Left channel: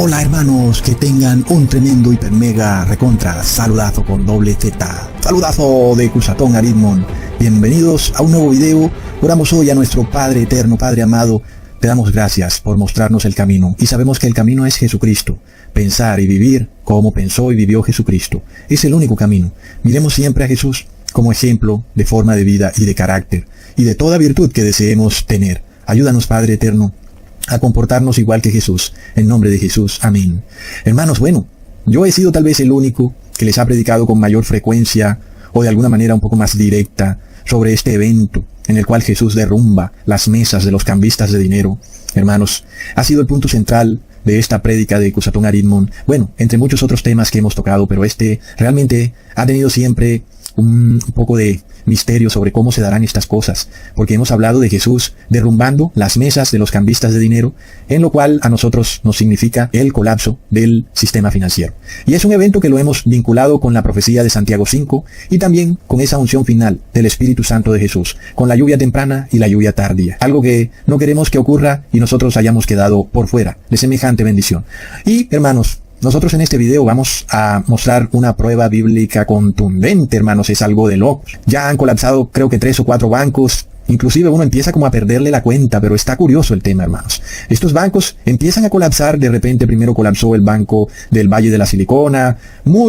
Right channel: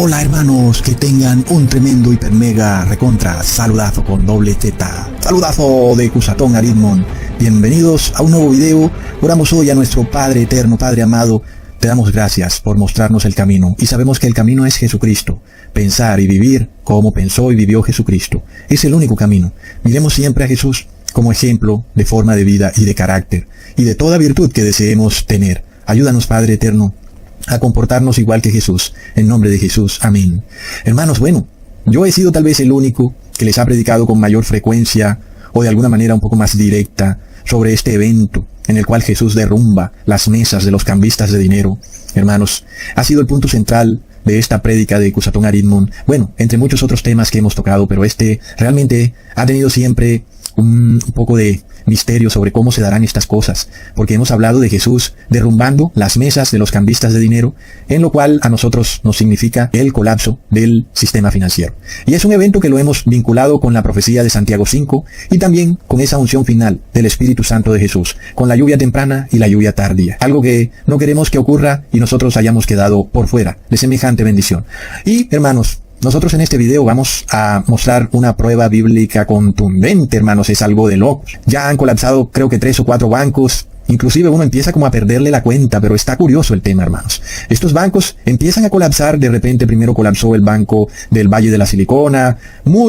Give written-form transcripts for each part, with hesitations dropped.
Hola hermanos, que tengan un tremendo hiper mega recontra saludazo con doble Z. Saludazo de Cusatón Aritmon. Bienvenidos a un nuevo video. Oramos hoy a nuestro Padre eterno, Padre amado. Te damos gracias por mostrarnos el camino y sabemos que el camino es Jesucristo. Pensar y vivir como pensó y vivió Jesucristo. Es el único camino. Miremos siempre a Jesús como ejemplo de forma de vida y de carácter y de toda virtud que deseemos tener. Ayúdanos, Padre eterno, a comportarnos igual que Jesús. En nombre de Jesús. Amén. Hermanos, bueno, yo he sido tal vez el único que les ha predicado con mayor frecuencia o de alguna manera un poco más directa sobre este evento en el cual Jesús derrumba las mesas de los cambistas de dinero. Hermanos, ha sido el punto central de esta prédica de Cusatón Aritmon. Bueno, entre muchos otros temas que hemos tocado, pero este realmente ha tenido siempre un poco de misterio sobre cómo se darán estas cosas, porque hemos hablado de Jesús derrumbando las mesas de los cambistas de dinero, en lo cual a nosotros nos significa el colapso del sistema financiero. Y es un evento que lo hemos vinculado con la profecía de Santiago 5 y también con esa unción final del Espíritu Santo de Jesús, con la lluvia temprana y la lluvia tardía, algo que no queremos que ocurra y nosotros hayamos quedado por fuera de semejante bendición. Y hermanos, nosotros en este video vamos a mostrar una prueba bíblica contundente, hermanos, es algo de locos. Ya han colapsado creo que 3 o 4 bancos, inclusive uno empieza como a perderle la cuenta, pero está curioso el tema, hermanos. Estos bancos empiezan a colapsar, de repente primero colapsó el banco del Valle de la Silicona,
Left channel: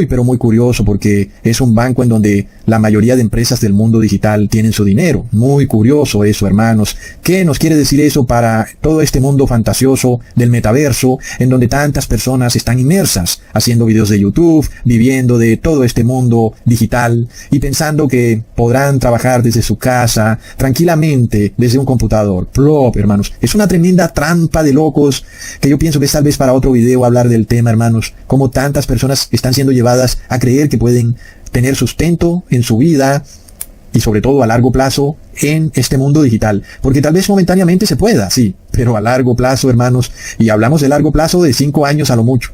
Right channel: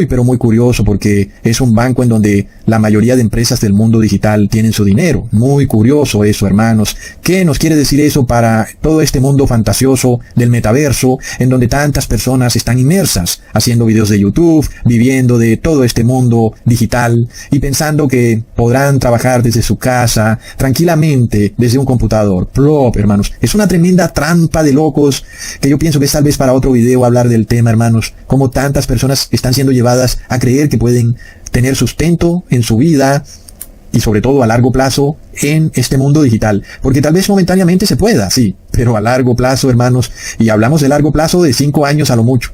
pero muy curioso porque es un banco en donde la mayoría de empresas del mundo digital tienen su dinero. Muy curioso eso, hermanos. ¿Qué nos quiere decir eso para todo este mundo fantasioso del metaverso, en donde tantas personas están inmersas, haciendo videos de YouTube, viviendo de todo este mundo digital y pensando que podrán trabajar desde su casa, tranquilamente, desde un computador? Plop, hermanos. Es una tremenda trampa de locos que yo pienso que es tal vez para otro video hablar del tema, hermanos. Como tantas personas están siendo llevadas a creer que pueden tener sustento en su vida y sobre todo a largo plazo en este mundo digital, porque tal vez momentáneamente se pueda, sí, pero a largo plazo, hermanos, y hablamos de largo plazo de 5 años a lo mucho,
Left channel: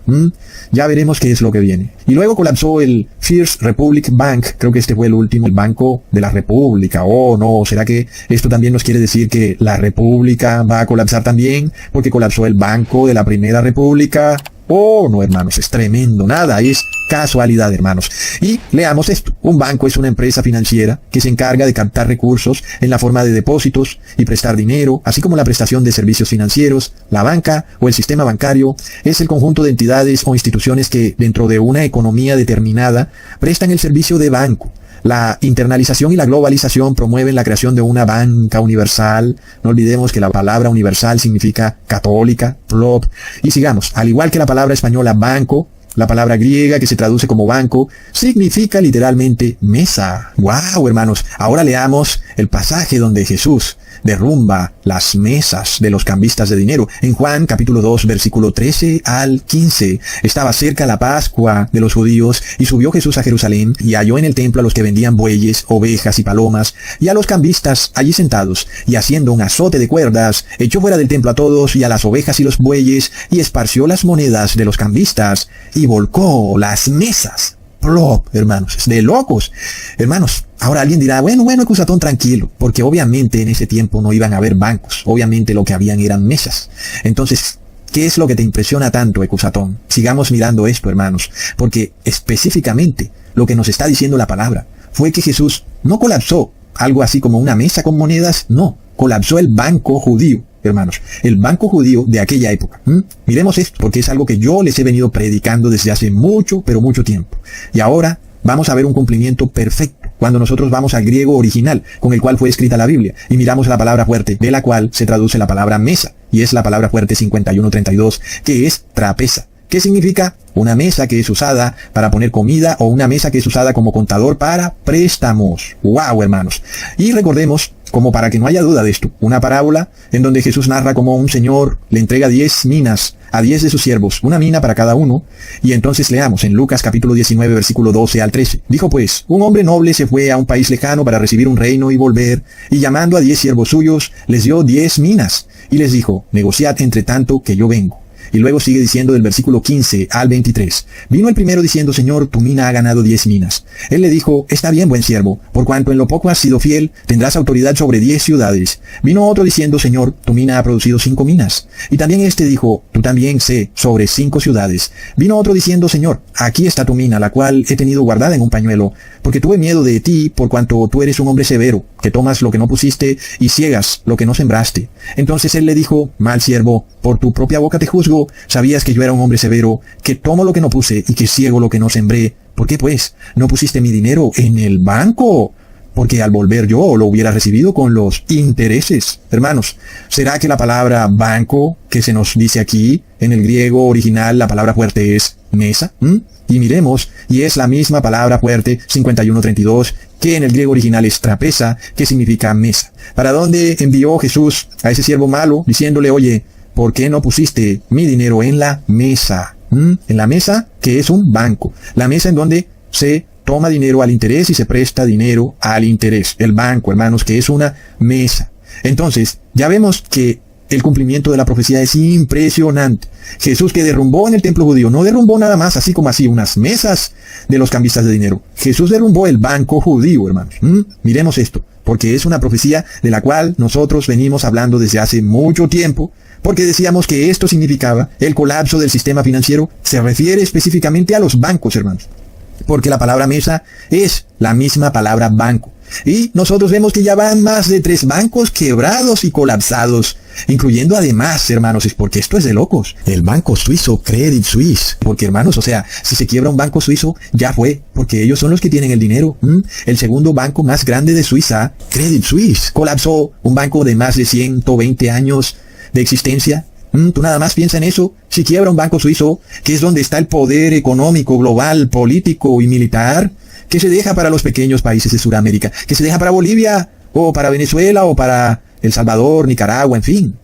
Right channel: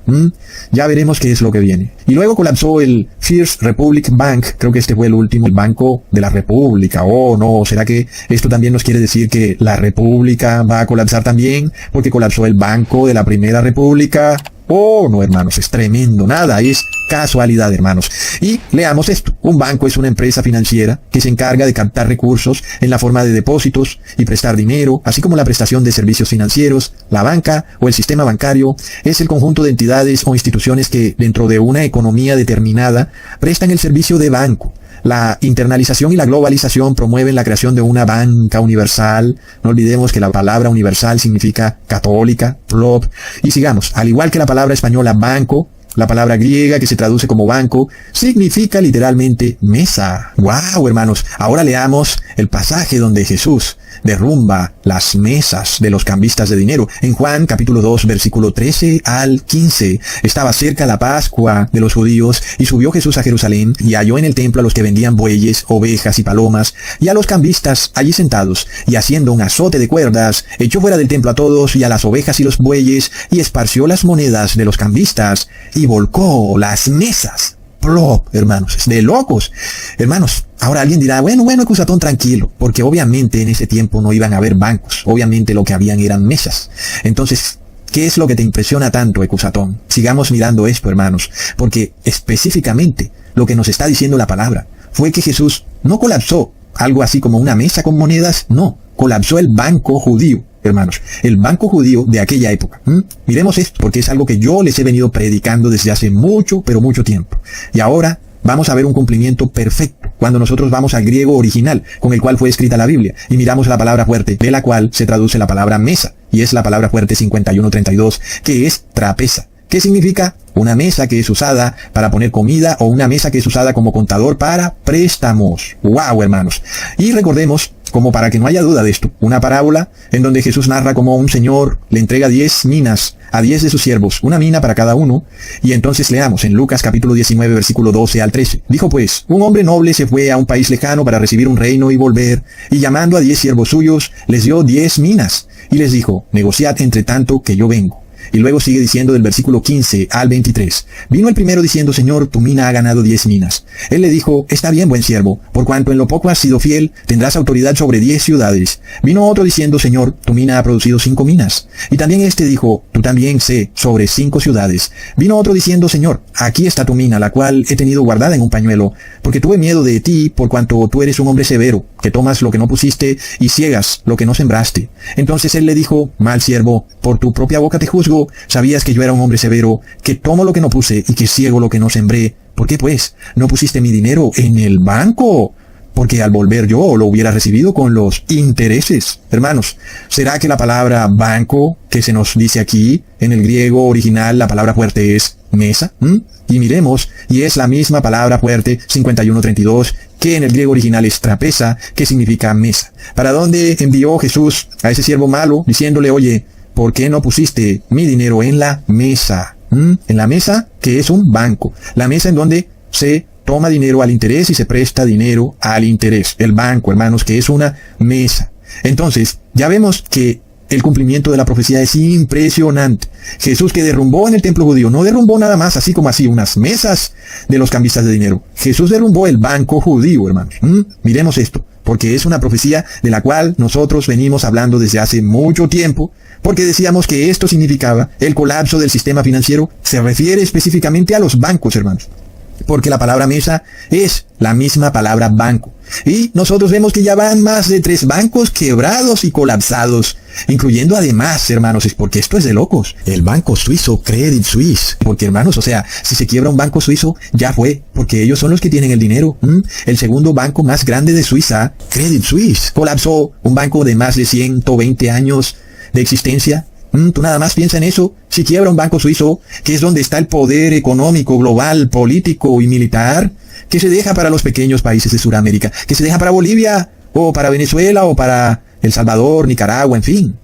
ya veremos qué es lo que viene. Y luego colapsó el First Republic Bank, creo que este fue el último, el Banco de la República. Oh no, ¿será que esto también nos quiere decir que la República va a colapsar también? Porque colapsó el Banco de la Primera República. Oh, no, hermanos, es tremendo, nada es casualidad, hermanos. Y leamos esto. Un banco es una empresa financiera que se encarga de captar recursos en la forma de depósitos y prestar dinero, así como la prestación de servicios financieros. La banca o el sistema bancario es el conjunto de entidades o instituciones que, dentro de una economía determinada, prestan el servicio de banco. La internalización y la globalización promueven la creación de una banca universal. No olvidemos que la palabra universal significa católica, plop. Y sigamos, al igual que la palabra española banco, la palabra griega que se traduce como banco significa literalmente mesa. ¡Wow, hermanos! Ahora leamos el pasaje donde Jesús derrumba las mesas de los cambistas de dinero. En Juan capítulo 2, versículo 13 al 15. Estaba cerca la Pascua de los judíos y subió Jesús a Jerusalén y halló en el templo a los que vendían bueyes, ovejas y palomas y a los cambistas allí sentados, y haciendo un azote de cuerdas echó fuera del templo a todos y a las ovejas y los bueyes y esparció las monedas de los cambistas y volcó las mesas. Plop, hermanos, de locos. Hermanos, ahora alguien dirá, bueno, Cusatón, tranquilo, porque obviamente en ese tiempo no iban a haber bancos, obviamente lo que habían eran mesas. Entonces, ¿qué es lo que te impresiona tanto, Cusatón? Sigamos mirando esto, hermanos, porque específicamente lo que nos está diciendo la palabra fue que Jesús no colapsó algo así como una mesa con monedas, no, colapsó el banco judío. Hermanos, el banco judío de aquella época. Miremos esto, porque es algo que yo les he venido predicando desde hace mucho, pero mucho tiempo. Y ahora vamos a ver un cumplimiento perfecto cuando nosotros vamos al griego original con el cual fue escrita la Biblia y miramos la palabra fuerte, de la cual se traduce la palabra mesa, y es la palabra fuerte 5132, que es trapeza. ¿Qué significa? Una mesa que es usada para poner comida o una mesa que es usada como contador para préstamos. ¡Wow, hermanos! Y recordemos, como para que no haya duda de esto, una parábola en donde Jesús narra cómo un señor le entrega 10 minas a 10 de sus siervos, una mina para cada uno. Y entonces leamos en Lucas capítulo 19, versículo 12 al 13. Dijo pues, un hombre noble se fue a un país lejano para recibir un reino y volver, y llamando a 10 siervos suyos, les dio 10 minas, y les dijo, negociad entre tanto que yo vengo. Y luego sigue diciendo del versículo 15 al 23. Vino el primero diciendo, Señor, tu mina ha ganado 10 minas. Él le dijo, está bien, buen siervo, por cuanto en lo poco has sido fiel, tendrás autoridad sobre 10 ciudades. Vino otro diciendo, Señor, tu mina ha producido 5 minas. Y también este dijo, tú también sé, sobre 5 ciudades. Vino otro diciendo, Señor, aquí está tu mina, la cual he tenido guardada en un pañuelo, porque tuve miedo de ti, por cuanto tú eres un hombre severo, que tomas lo que no pusiste y ciegas lo que no sembraste. Entonces él le dijo, mal siervo, por tu propia boca te juzgo, sabías que yo era un hombre severo, que tomo lo que no puse y que ciego lo que no sembré. ¿Por qué pues no pusiste mi dinero en el banco? Porque al volver yo lo hubiera recibido con los intereses. Hermanos, ¿será que la palabra banco que se nos dice aquí, en el griego original, la palabra fuerte es mesa? Y miremos, y es la misma palabra fuerte, 51:32, que en el griego original es trapeza, que significa mesa. ¿Para dónde envió Jesús a ese siervo malo? Diciéndole, oye, ¿por qué no pusiste mi dinero en la mesa? En la mesa, que es un banco. La mesa en donde se toma dinero al interés y se presta dinero al interés. El banco, hermanos, que es una mesa. Entonces, ya vemos que el cumplimiento de la profecía es impresionante. Jesús, que derrumbó en el templo judío, no derrumbó nada más así como así unas mesas de los cambistas de dinero. Jesús derrumbó el banco judío, hermanos. Miremos esto, porque es una profecía de la cual nosotros venimos hablando desde hace mucho tiempo, porque decíamos que esto significaba el colapso del sistema financiero. Se refiere específicamente a los bancos, hermanos, porque la palabra mesa es la misma palabra banco. Y nosotros vemos que ya van más de 3 bancos quebrados y colapsados, incluyendo además, hermanos, es porque esto es de locos, el banco suizo Credit Suisse. Porque, hermanos, o sea, si se quiebra un banco suizo, ya fue, porque ellos son los que tienen el dinero. El segundo banco más grande de Suiza, Credit Suisse, colapsó, un banco de más de 120 años de existencia. Tú nada más piensa en eso. Si quiebra un banco suizo, que es donde está el poder económico, global, político y militar, que se deja para los pequeños países de Sudamérica, que se deja para Bolivia, o para Venezuela, o para El Salvador, Nicaragua, en fin.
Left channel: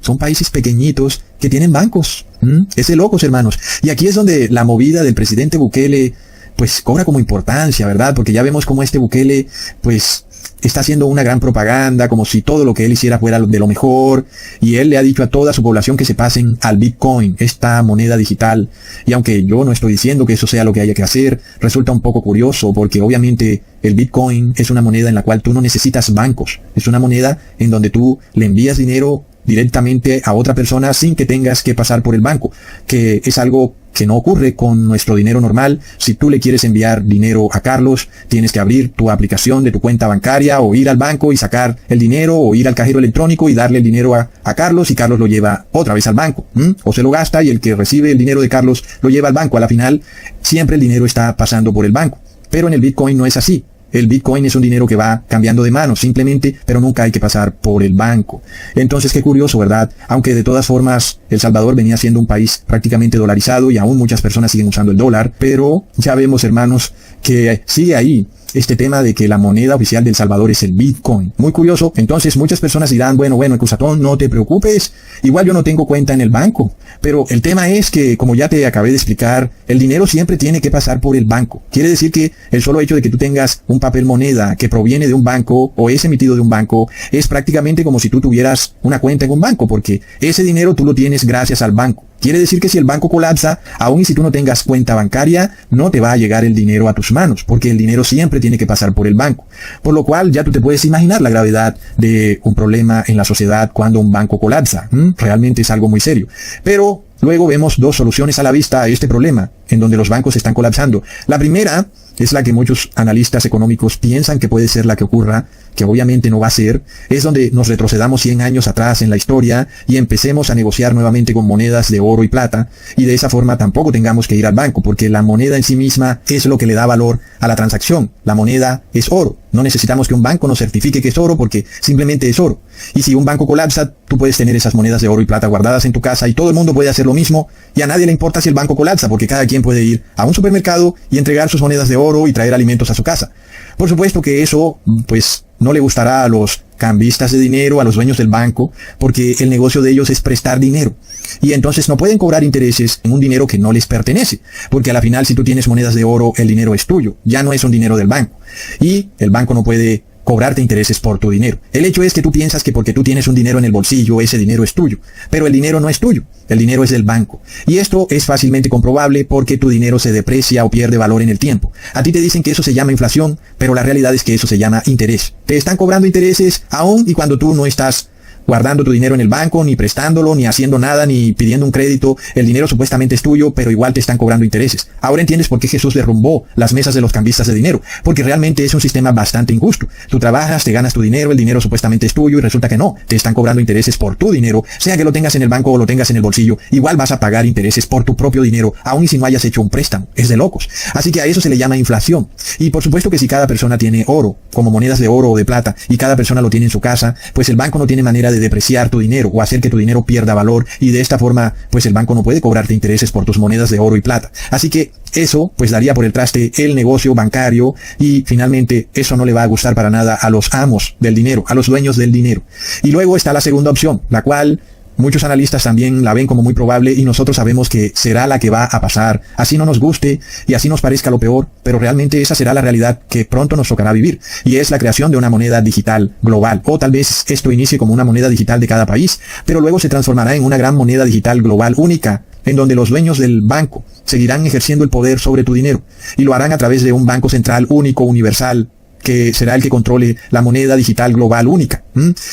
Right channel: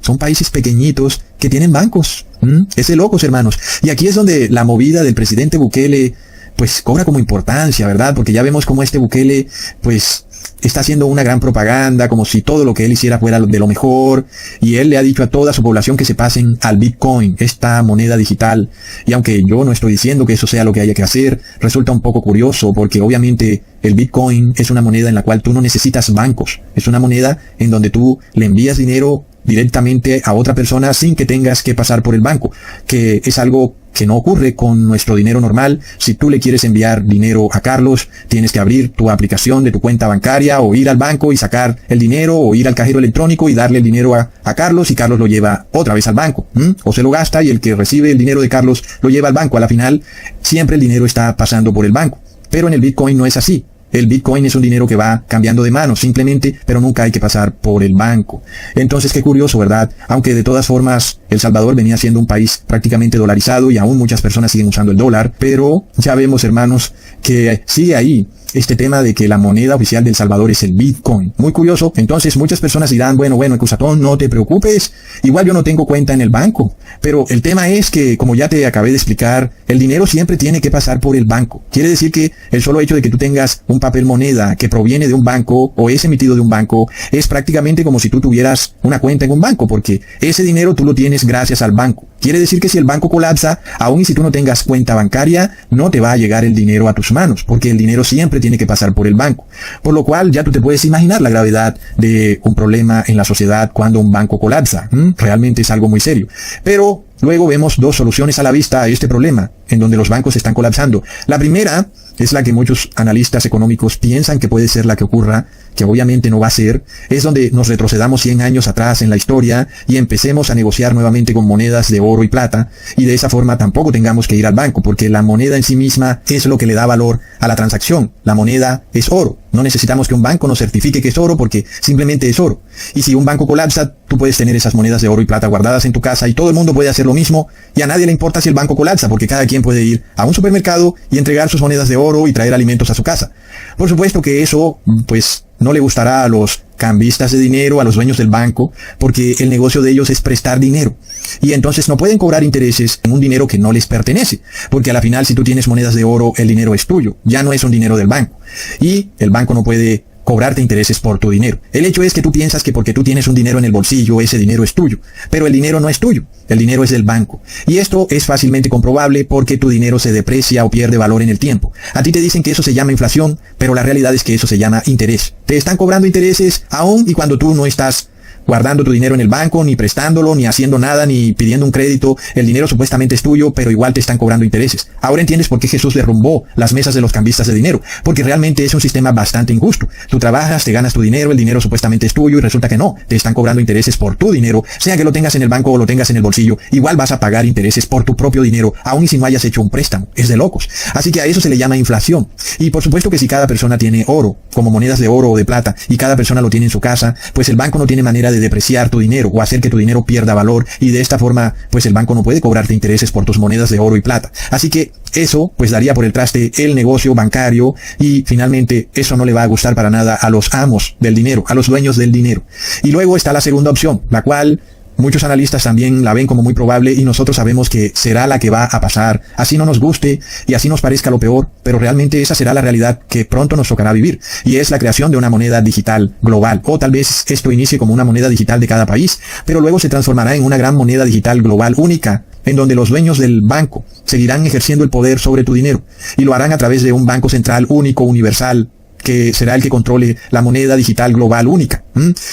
Son países pequeñitos que tienen bancos. Es de locos, hermanos. Y aquí es donde la movida del presidente Bukele, pues, cobra como importancia, ¿verdad? Porque ya vemos cómo este Bukele, pues, está haciendo una gran propaganda, como si todo lo que él hiciera fuera de lo mejor, y él le ha dicho a toda su población que se pasen al Bitcoin, esta moneda digital. Y aunque yo no estoy diciendo que eso sea lo que haya que hacer, resulta un poco curioso, porque obviamente el Bitcoin es una moneda en la cual tú no necesitas bancos, es una moneda en donde tú le envías dinero directamente a otra persona sin que tengas que pasar por el banco, que es algo que no ocurre con nuestro dinero normal. Si tú le quieres enviar dinero a Carlos, tienes que abrir tu aplicación de tu cuenta bancaria, o ir al banco y sacar el dinero, o ir al cajero electrónico y darle el dinero a Carlos, y Carlos lo lleva otra vez al banco, o se lo gasta y el que recibe el dinero de Carlos lo lleva al banco. A la final, siempre el dinero está pasando por el banco. Pero en el Bitcoin no es así. El Bitcoin es un dinero que va cambiando de manos simplemente, pero nunca hay que pasar por el banco. Entonces, qué curioso, ¿verdad? Aunque de todas formas El Salvador venía siendo un país prácticamente dolarizado y aún muchas personas siguen usando el dólar, pero ya vemos, hermanos, que sigue ahí este tema de que la moneda oficial de El Salvador es el Bitcoin. Muy curioso. Entonces muchas personas dirán, bueno, Ecusatón, no te preocupes, igual yo no tengo cuenta en el banco. Pero el tema es que, como ya te acabé de explicar, el dinero siempre tiene que pasar por el banco. Quiere decir que el solo hecho de que tú tengas un papel moneda que proviene de un banco o es emitido de un banco es prácticamente como si tú tuvieras una cuenta en un banco, porque ese dinero tú lo tienes gracias al banco. Quiere decir que si el banco colapsa, aun y si tú no tengas cuenta bancaria, no te va a llegar el dinero a tus manos, porque el dinero siempre tiene que pasar por el banco. Por lo cual ya tú te puedes imaginar la gravedad de un problema en la sociedad cuando un banco colapsa. Realmente es algo muy serio. Pero luego vemos 2 soluciones a la vista a este problema, en donde los bancos están colapsando. La primera es la que muchos analistas económicos piensan que puede ser la que ocurra, que obviamente no va a ser, es donde nos retrocedamos 100 años atrás en la historia y empecemos a negociar nuevamente con monedas de oro y plata, y de esa forma tampoco tengamos que ir al banco, porque la moneda en sí misma es lo que le da valor a la transacción. La moneda es oro. No necesitamos que un banco nos certifique que es oro, porque simplemente es oro. Y si un banco colapsa, tú puedes tener esas monedas de oro y plata guardadas en tu casa y todo el mundo puede hacer lo mismo, y a nadie le importa si el banco colapsa, porque cada quien puede ir a un supermercado y entregar sus monedas de oro y traer alimentos a su casa. Por supuesto que eso, pues, no le gustará a los cambistas de dinero, a los dueños del banco, porque el negocio de ellos es prestar dinero. Y entonces no pueden cobrar intereses en un dinero que no les pertenece, porque a la final, si tú tienes monedas de oro, el dinero es tuyo, ya no es un dinero del banco. Y el banco no puede cobrarte intereses por tu dinero. El hecho es que tú piensas que porque tú tienes un dinero en el bolsillo, ese dinero es tuyo. Pero el dinero no es tuyo, el dinero es del banco. Y esto es fácilmente comprobable porque tu dinero se deprecia o pierde valor en el tiempo. A ti te dicen que eso se llama inflación, pero la realidad es que eso se llama interés. Te están cobrando intereses aún y cuando tú no estás guardando tu dinero en el banco, ni prestándolo, ni haciendo nada, ni pidiendo un crédito. El dinero supuestamente es tuyo, pero igual te están cobrando intereses. Ahora entiendes por qué Jesús derrumbó las mesas de los cambistas de dinero, porque realmente es un sistema bastante injusto. Tú trabajas, te ganas tu dinero, el dinero supuestamente es tuyo y resulta que no. Te están cobrando intereses por tu dinero, sea que lo tengas en el banco o lo tengas en el bolsillo. Igual vas a pagar intereses por tu propio dinero, aun si no hayas hecho un préstamo. Es de locos. Así que a eso se le llama inflación. Y por supuesto que si cada persona tiene oro, como monedas de oro o de plata, y cada persona lo tiene en su casa, pues el banco no tiene manera de depreciar tu dinero o hacer que tu dinero pierda valor, y de esta forma pues el banco no puede cobrarte intereses por tus monedas de oro y plata. Así que eso pues daría por el traste el negocio bancario, y finalmente eso no le va a gustar para nada a los amos del dinero, a los dueños del dinero. Y luego está la segunda opción, la cual muchos analistas también la ven como muy probable y nosotros sabemos que será la que va a pasar, así no nos guste y así nos parezca lo peor, pero realmente esa será la realidad que pronto nos tocará vivir, y es la creación de una moneda digital global. O tal vez esto inicie como una moneda digital de cada país, pero luego se transformará en una gran moneda digital global única, en donde los dueños del banco seguirán ejerciendo el poder sobre tu dinero, y lo harán a través de un banco central único, universal, que será el que controle la moneda digital global única.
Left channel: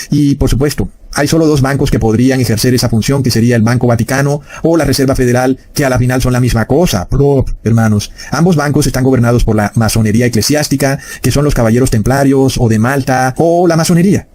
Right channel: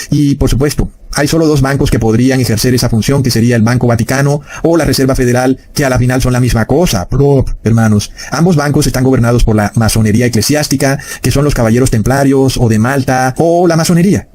Y por supuesto, hay solo dos bancos que podrían ejercer esa función, que sería el Banco Vaticano o la Reserva Federal, que a la final son la misma cosa. Pero, hermanos, ambos bancos están gobernados por la masonería eclesiástica, que son los caballeros templarios o de Malta o la masonería.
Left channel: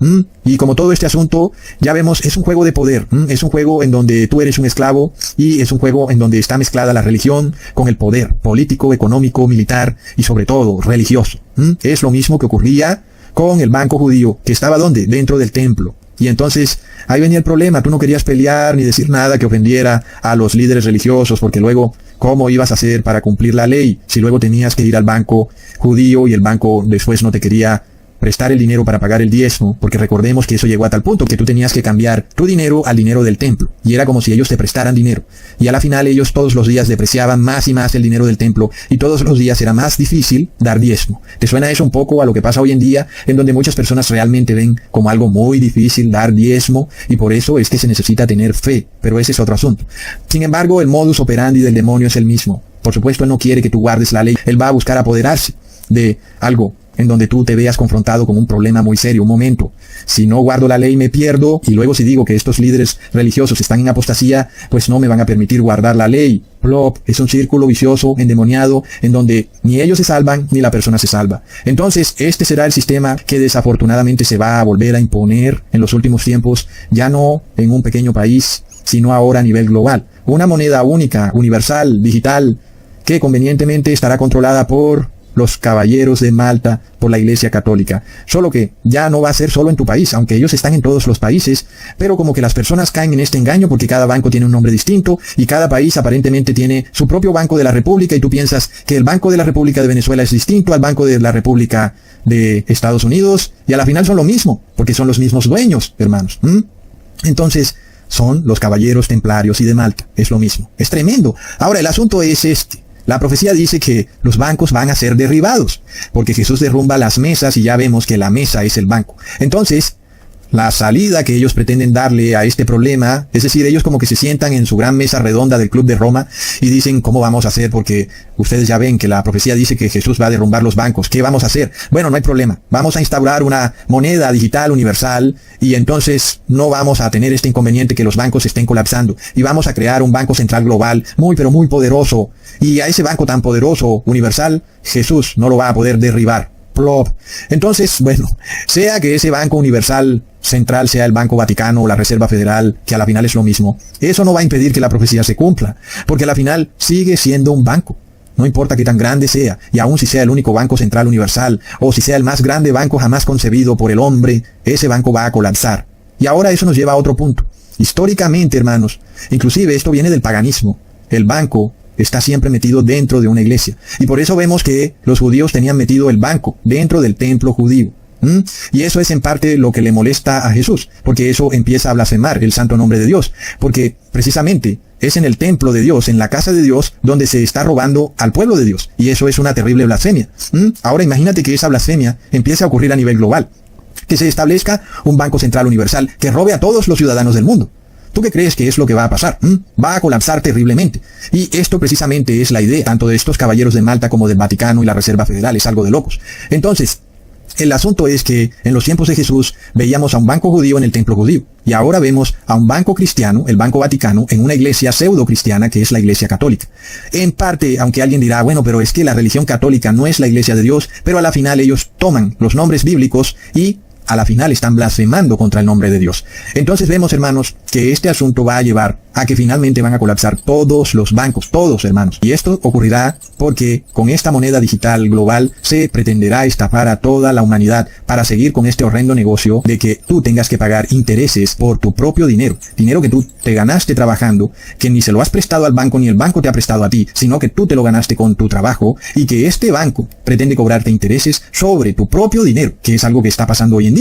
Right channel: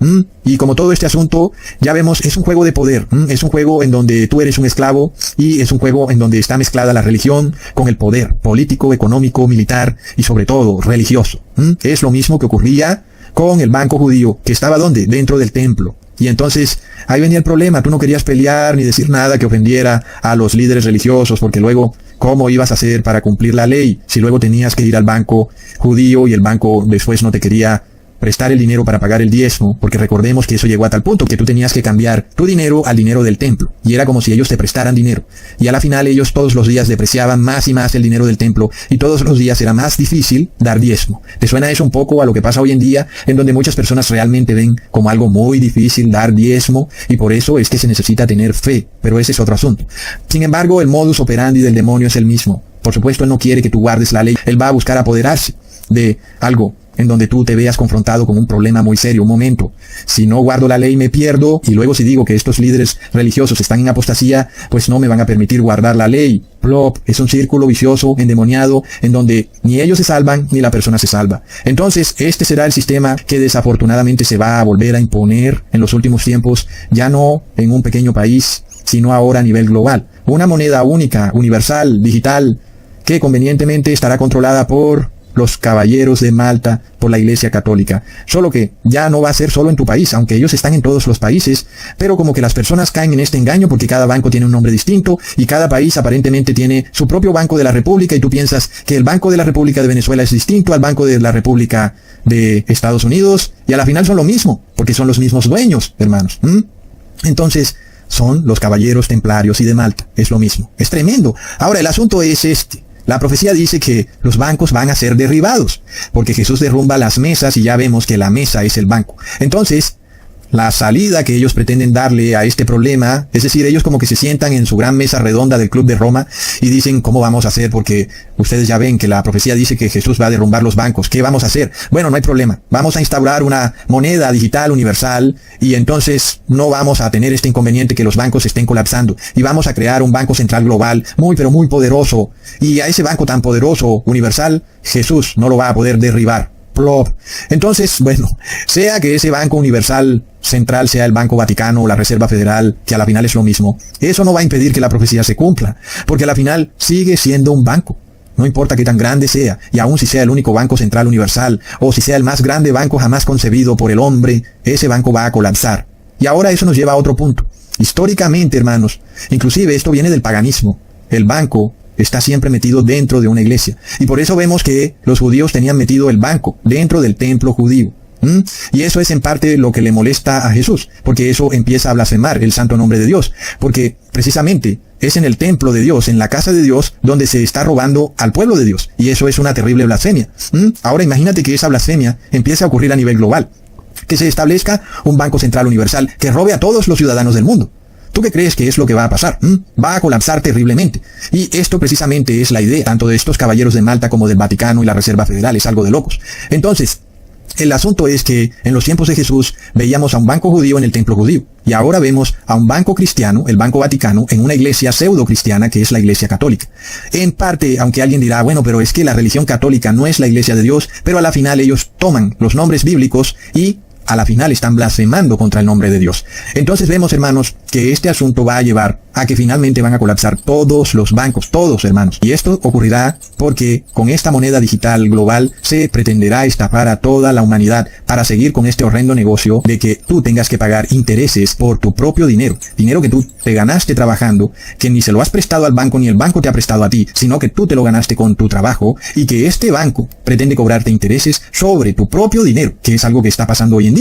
Y como todo este asunto, ya vemos, es un juego de poder. Es un juego en donde tú eres un esclavo, y es un juego en donde está mezclada la religión con el poder político, económico, militar y sobre todo religioso. Es lo mismo que ocurría con el banco judío, que estaba ¿dónde? Dentro del templo. Y entonces ahí venía el problema, tú no querías pelear ni decir nada que ofendiera a los líderes religiosos, porque luego, ¿cómo ibas a hacer para cumplir la ley si luego tenías que ir al banco judío y el banco después no te quería prestar el dinero para pagar el diezmo? Porque recordemos que eso llegó a tal punto que tú tenías que cambiar tu dinero al dinero del templo, y era como si ellos te prestaran dinero, y a la final ellos todos los días depreciaban más y más el dinero del templo, y todos los días era más difícil dar diezmo. ¿Te suena eso un poco a lo que pasa hoy en día, en donde muchas personas realmente ven como algo muy difícil dar diezmo, y por eso es que se necesita tener fe? Pero ese es otro asunto. Sin embargo, el modus operandi del demonio es el mismo. Por supuesto, él no quiere que tú guardes la ley, él va a buscar apoderarse de algo en donde tú te veas confrontado con un problema muy serio. Un momento, si no guardo la ley me pierdo, y luego si digo que estos líderes religiosos están en apostasía, pues no me van a permitir guardar la ley. Plop, es un círculo vicioso, endemoniado, en donde ni ellos se salvan ni la persona se salva. Entonces, este será el sistema que desafortunadamente se va a volver a imponer en los últimos tiempos, ya no en un pequeño país, sino ahora a nivel global. Una moneda única, universal, digital, que convenientemente estará controlada por los caballeros de Malta, por la Iglesia Católica. Solo que ya no va a ser solo en tu país, aunque ellos están en todos los países, pero como que las personas caen en este engaño porque cada banco tiene un nombre distinto y cada país aparentemente tiene su propio Banco de la República, y tú piensas que el Banco de la República de Venezuela es distinto al Banco de la República de Estados Unidos, y a la final son lo mismo, porque son los mismos dueños, hermanos. Entonces, son los caballeros templarios y de Malta, es lo mismo. Es tremendo. Ahora, el asunto es este. La profecía dice que los bancos van a ser derribados, porque Jesús derrumba las mesas y ya vemos que la mesa es el banco. Entonces, la salida que ellos pretenden darle a este problema, es decir, ellos como que se sientan en su gran mesa redonda del Club de Roma y dicen, ¿cómo vamos a hacer? Porque ustedes ya ven que la profecía dice que Jesús va a derrumbar los bancos. ¿Qué vamos a hacer? Bueno, no hay problema. Vamos a instaurar una moneda digital universal, y entonces no vamos a tener este inconveniente que los bancos estén colapsando. Y vamos a crear un banco central global muy pero muy poderoso. Y a ese banco tan poderoso, universal, Jesús no lo va a poder derribar. Plop. Entonces, bueno, sea que ese banco universal central sea el Banco Vaticano o la Reserva Federal, que a la final es lo mismo, eso no va a impedir que la profecía se cumpla, porque a la final sigue siendo un banco. No importa qué tan grande sea, y aun si sea el único banco central universal, o si sea el más grande banco jamás concebido por el hombre, ese banco va a colapsar. Y ahora eso nos lleva a otro punto. Históricamente, hermanos, inclusive esto viene del paganismo. El banco está siempre metido dentro de una iglesia. Y por eso vemos que los judíos tenían metido el banco dentro del templo judío. Y eso es en parte lo que le molesta a Jesús, porque eso empieza a blasfemar el santo nombre de Dios, porque precisamente es en el templo de Dios, en la casa de Dios, donde se está robando al pueblo de Dios, y eso es una terrible blasfemia. Ahora imagínate que esa blasfemia empiece a ocurrir a nivel global, que se establezca un banco central universal que robe a todos los ciudadanos del mundo. ¿Tú qué crees que es lo que va a pasar? Va a colapsar terriblemente. Y esto precisamente es la idea, tanto de estos caballeros de Malta como del Vaticano y la Reserva Federal, es algo de locos. Entonces, el asunto es que en los tiempos de Jesús veíamos a un banco judío en el templo judío, y ahora vemos a un banco cristiano, el Banco Vaticano, en una iglesia pseudo cristiana que es la Iglesia Católica. En parte, aunque alguien dirá, bueno, pero es que la religión católica no es la iglesia de Dios, pero a la final ellos toman los nombres bíblicos y a la final están blasfemando contra el nombre de Dios. Entonces vemos, hermanos, que este asunto va a llevar a que finalmente van a colapsar todos los bancos, todos, hermanos. Y esto ocurrirá porque con esta moneda digital global se pretenderá estafar a toda la humanidad para seguir con este horrendo negocio de que tú tengas que pagar intereses por tu propio dinero. Dinero que tú te ganaste trabajando, que ni se lo has prestado al banco ni el banco te ha prestado a ti, sino que tú te lo ganaste con tu trabajo y que este banco pretende cobrarte intereses sobre tu propio dinero, que es algo que está pasando hoy en día.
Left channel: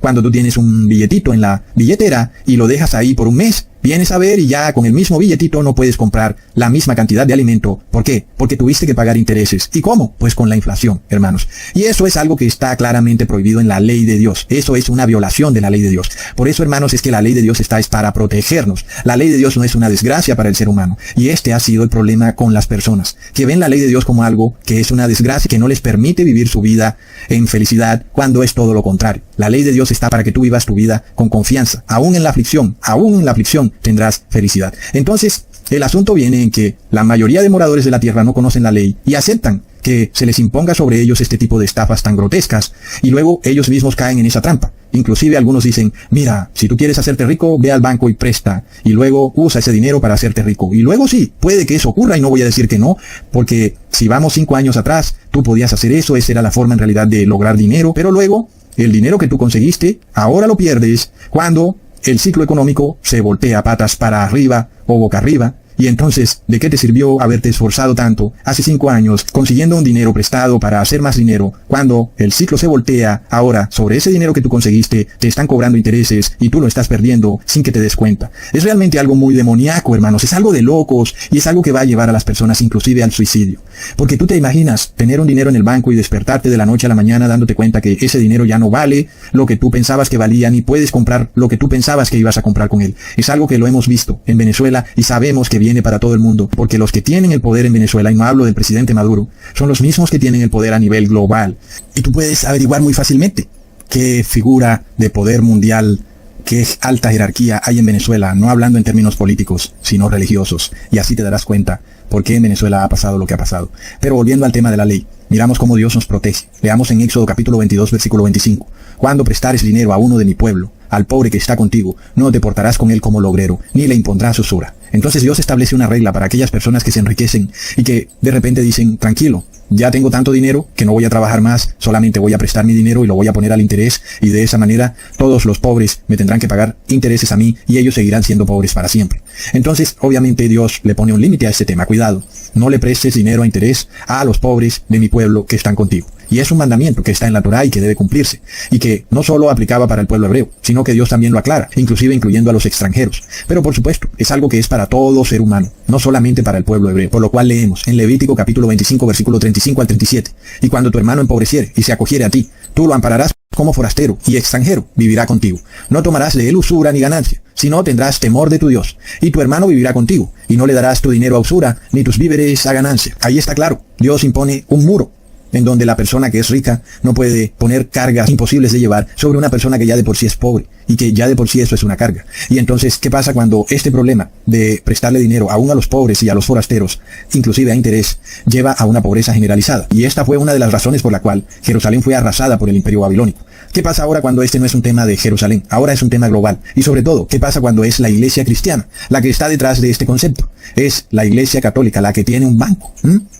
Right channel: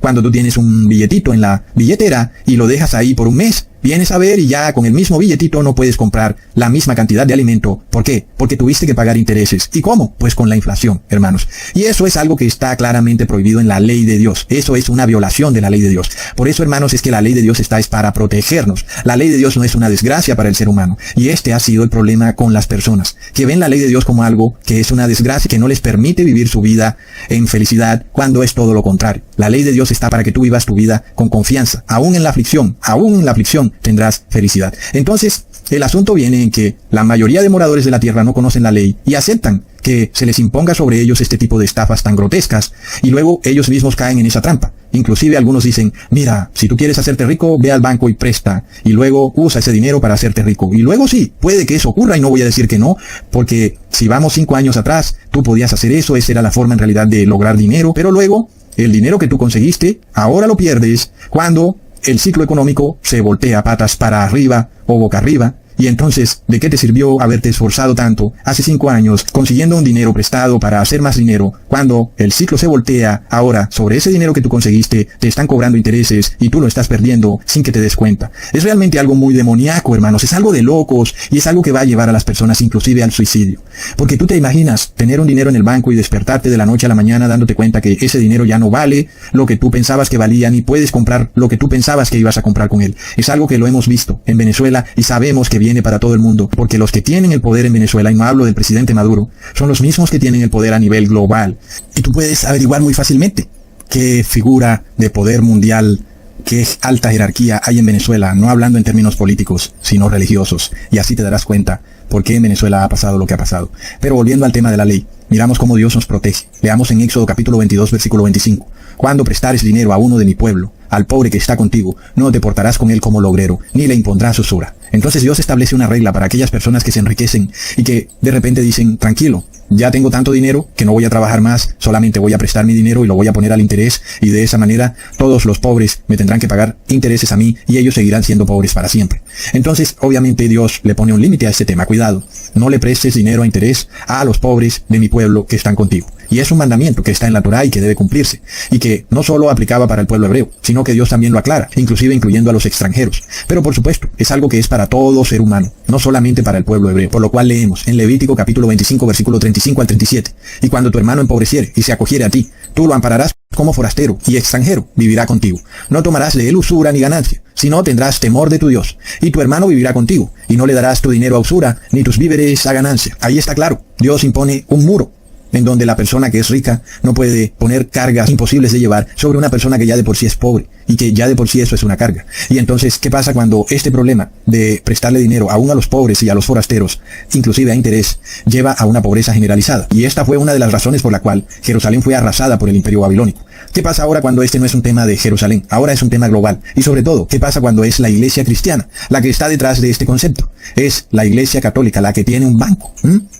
Cuando tú tienes un billetito en la billetera y lo dejas ahí por un mes, vienes a ver y ya con el mismo billetito no puedes comprar la misma cantidad de alimento. ¿Por qué? Porque tuviste que pagar intereses. ¿Y cómo? Pues con la inflación, hermanos. Y eso es algo que está claramente prohibido en la ley de Dios. Eso es una violación de la ley de Dios. Por eso, hermanos, es que la ley de Dios es para protegernos. La ley de Dios no es una desgracia para el ser humano. Y este ha sido el problema con las personas, que ven la ley de Dios como algo que es una desgracia, que no les permite vivir su vida en felicidad, cuando es todo lo contrario. La ley de Dios está para que tú vivas tu vida con confianza. Aún en la aflicción tendrás felicidad. Entonces, el asunto viene en que la mayoría de moradores de la tierra no conocen la ley y aceptan que se les imponga sobre ellos este tipo de estafas tan grotescas, y luego ellos mismos caen en esa trampa. Inclusive algunos dicen, mira, si tú quieres hacerte rico, ve al banco y presta, y luego usa ese dinero para hacerte rico. Y luego sí, puede que eso ocurra, y no voy a decir que no, porque si vamos 5 años atrás, tú podías hacer eso, esa era la forma en realidad de lograr dinero, pero luego, el dinero que tú conseguiste, ahora lo pierdes cuando el ciclo económico se voltea patas para arriba o boca arriba. Y entonces, ¿de qué te sirvió haberte esforzado tanto hace 5 años consiguiendo un dinero prestado para hacer más dinero, cuando el ciclo se voltea? Ahora, sobre ese dinero que tú conseguiste, te están cobrando intereses y tú lo estás perdiendo sin que te des cuenta. Es realmente algo muy demoníaco, hermanos. Es algo de locos y es algo que va a llevar a las personas inclusive al suicidio. Porque tú te imaginas tener un dinero en el banco y despertarte de la noche a la mañana dándote cuenta que ese dinero ya no vale lo que tú pensabas que valía, ni puedes comprar lo que tú pensabas que ibas a comprar con él. Es algo que lo hemos visto en Venezuela y sabemos que viene para todo el mundo, porque los que tienen el poder en Venezuela, y no hablo del presidente Maduro, son los mismos que tienen el poder a nivel global. Y tú puedes averiguar muy fácilmente qué figura de poder mundial, qué alta jerarquía hay en Venezuela, no hablando en términos políticos, sino religiosos. Y así te darás cuenta por qué en Venezuela ha pasado lo que ha pasado. Pero volviendo al tema de la ley, miramos cómo Dios nos protege. Leamos en Éxodo capítulo 22, versículo 25. Cuando prestares dinero a uno de mi pueblo, al pobre que está contigo, no te portarás con él como logrero, ni le impondrás usura. Entonces Dios establece una regla para aquellas personas que se enriquecen y que de repente dicen, tranquilo, ya tengo tanto dinero que no voy a trabajar más, solamente voy a prestar mi dinero y lo voy a poner al interés, y de esa manera todos los pobres me tendrán que pagar intereses a mí y ellos seguirán siendo pobres para siempre. Entonces, obviamente Dios le pone un límite a este tema. Cuidado, no le prestes dinero a interés a los pobres de mi pueblo que están contigo. Y es un mandamiento que está en la Torá y que debe cumplirse, y que no solo aplicaba para el pueblo hebreo, sino que Dios también lo aclara, inclusive incluyendo a los extranjeros. Pero por supuesto, es algo que es para todo ser humano, no solamente para el pueblo hebreo, por lo cual leemos en Levítico capítulo 25, versículo 35 al 37, y cuando tu hermano empobreciere y se acogiere a ti, tú lo ampararás como forastero y extranjero, vivirá contigo. No tomarás de él usura ni ganancia, sino tendrás temor de tu Dios, y tu hermano vivirá contigo, y no le darás tu dinero a usura, ni tus víveres a ganancia. Ahí está claro, Dios impone un muro, en donde la persona que es rica no puede poner cargas imposibles de llevar sobre una persona que ya de por sí es pobre, y que ya de por sí eso es una carga. Y entonces, ¿qué pasa cuando este problema de prestarle dinero aún a los pobres y a los forasteros, inclusive a interés, lleva a una pobreza generalizada? Y esta fue una de las razones por la cual Jerusalén fue arrasada por el Imperio Babilónico. ¿Qué pasa ahora cuando este no es un tema de Jerusalén? Ahora es un tema global. Y sobre todo, ¿qué pasa cuando es la iglesia cristiana la que está detrás de este concepto? Es la iglesia católica la que tiene un banco.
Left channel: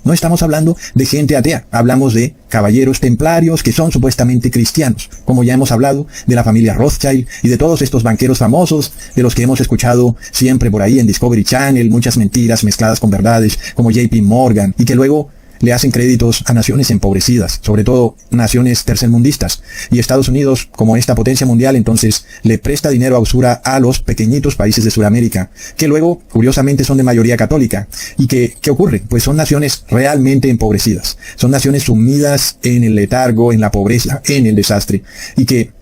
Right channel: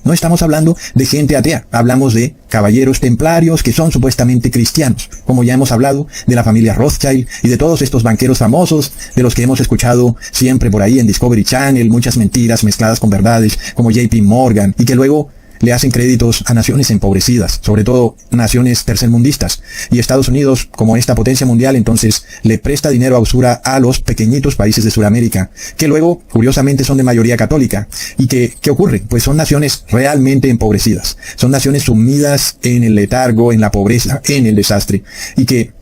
No estamos hablando de gente atea, hablamos de caballeros templarios que son supuestamente cristianos, como ya hemos hablado de la familia Rothschild y de todos estos banqueros famosos de los que hemos escuchado siempre por ahí en Discovery Channel, muchas mentiras mezcladas con verdades, como JP Morgan, y que luego le hacen créditos a naciones empobrecidas, sobre todo naciones tercermundistas. Y Estados Unidos, como esta potencia mundial, entonces le presta dinero a usura a los pequeñitos países de Sudamérica, que luego, curiosamente, son de mayoría católica. ¿Y qué ocurre? Pues son naciones realmente empobrecidas. Son naciones sumidas en el letargo, en la pobreza, en el desastre. Y que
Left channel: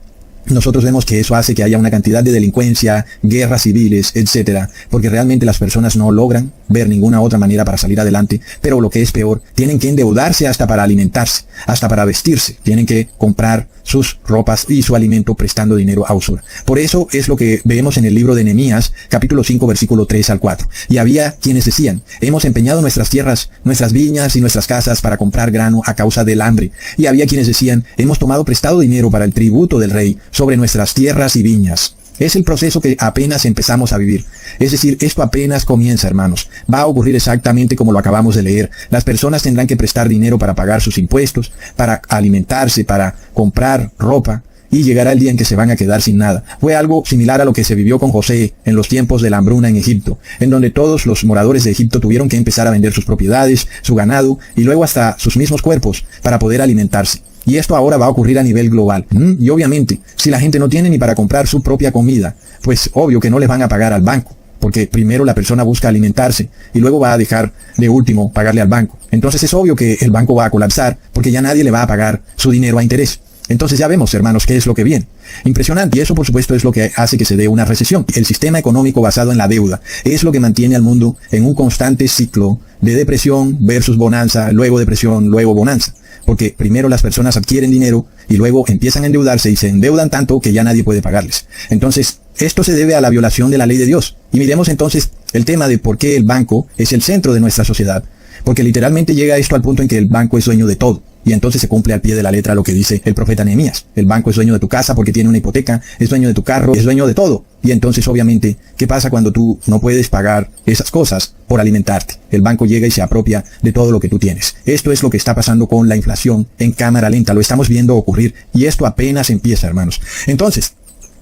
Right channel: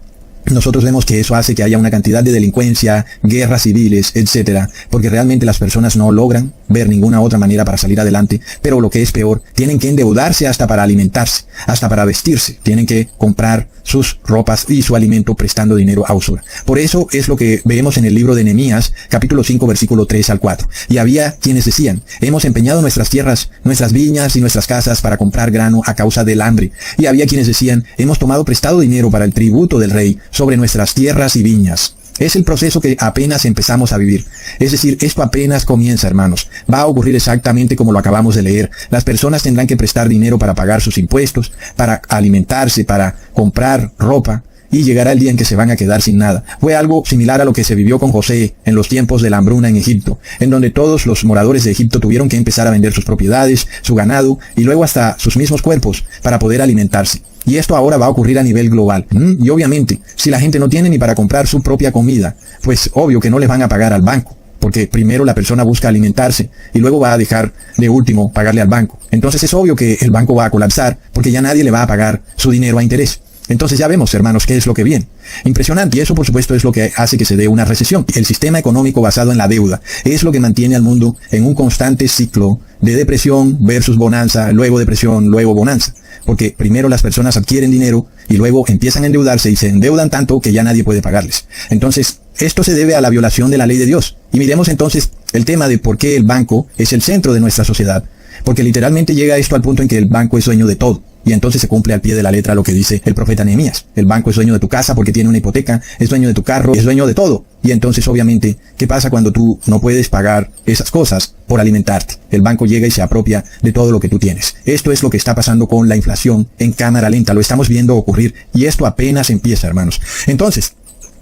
nosotros vemos que eso hace que haya una cantidad de delincuencia, guerras civiles, etcétera, porque realmente las personas no logran ver ninguna otra manera para salir adelante, pero lo que es peor, tienen que endeudarse hasta para alimentarse, hasta para vestirse, tienen que comprar sus ropas y su alimento prestando dinero a usura. Por eso es lo que vemos en el libro de Nehemías, capítulo 5, versículo 3 al 4. Y había quienes decían, hemos empeñado nuestras tierras, nuestras viñas y nuestras casas para comprar grano a causa del hambre. Y había quienes decían, hemos tomado prestado dinero para el tributo del rey sobre nuestras tierras y viñas. Es el proceso que apenas empezamos a vivir. Es decir, esto apenas comienza, hermanos. Va a ocurrir exactamente como lo acabamos de leer. Las personas tendrán que prestar dinero para pagar sus impuestos, para alimentarse, para comprar ropa, y llegará el día en que se van a quedar sin nada. Fue algo similar a lo que se vivió con José en los tiempos de la hambruna en Egipto, en donde todos los moradores de Egipto tuvieron que empezar a vender sus propiedades, su ganado, y luego hasta sus mismos cuerpos, para poder alimentarse. Y esto ahora va a ocurrir a nivel global. Y obviamente, si la gente no tiene ni para comprar su propia comida, pues obvio que no les van a pagar al banco, porque primero la persona busca alimentarse y luego va a dejar de último pagarle al banco. Entonces es obvio que el banco va a colapsar porque ya nadie le va a pagar su dinero a interés. Entonces ya vemos, hermanos, qué es lo que viene. Impresionante. Eso, por supuesto, es lo que hace que se dé una recesión. El sistema económico basado en la deuda es lo que mantiene al mundo en un constante ciclo de depresión versus bonanza, luego depresión, luego bonanza. Porque primero las personas adquieren dinero y luego empiezan a endeudarse y se endeudan tanto que ya nadie puede pagarles. Entonces, esto se debe a la violación de la ley de Dios. Y miremos entonces el tema de por qué el banco es el centro de nuestra sociedad. Porque literalmente llega esto al punto en que el banco es dueño de todo. Y entonces se cumple al pie de la letra lo que dice el profeta Nehemías. El banco es dueño de tu casa porque tiene una hipoteca, es dueño de tu carro, es dueño de todo. Y entonces, obviamente, ¿qué pasa cuando tú no puedes pagar esas cosas por alimentarte? El banco llega y se apropia de todo lo que tú tienes. Esto es lo que está pasando con la inflación en cámara lenta. Lo estamos viendo ocurrir y esto apenas empieza, hermanos. Entonces,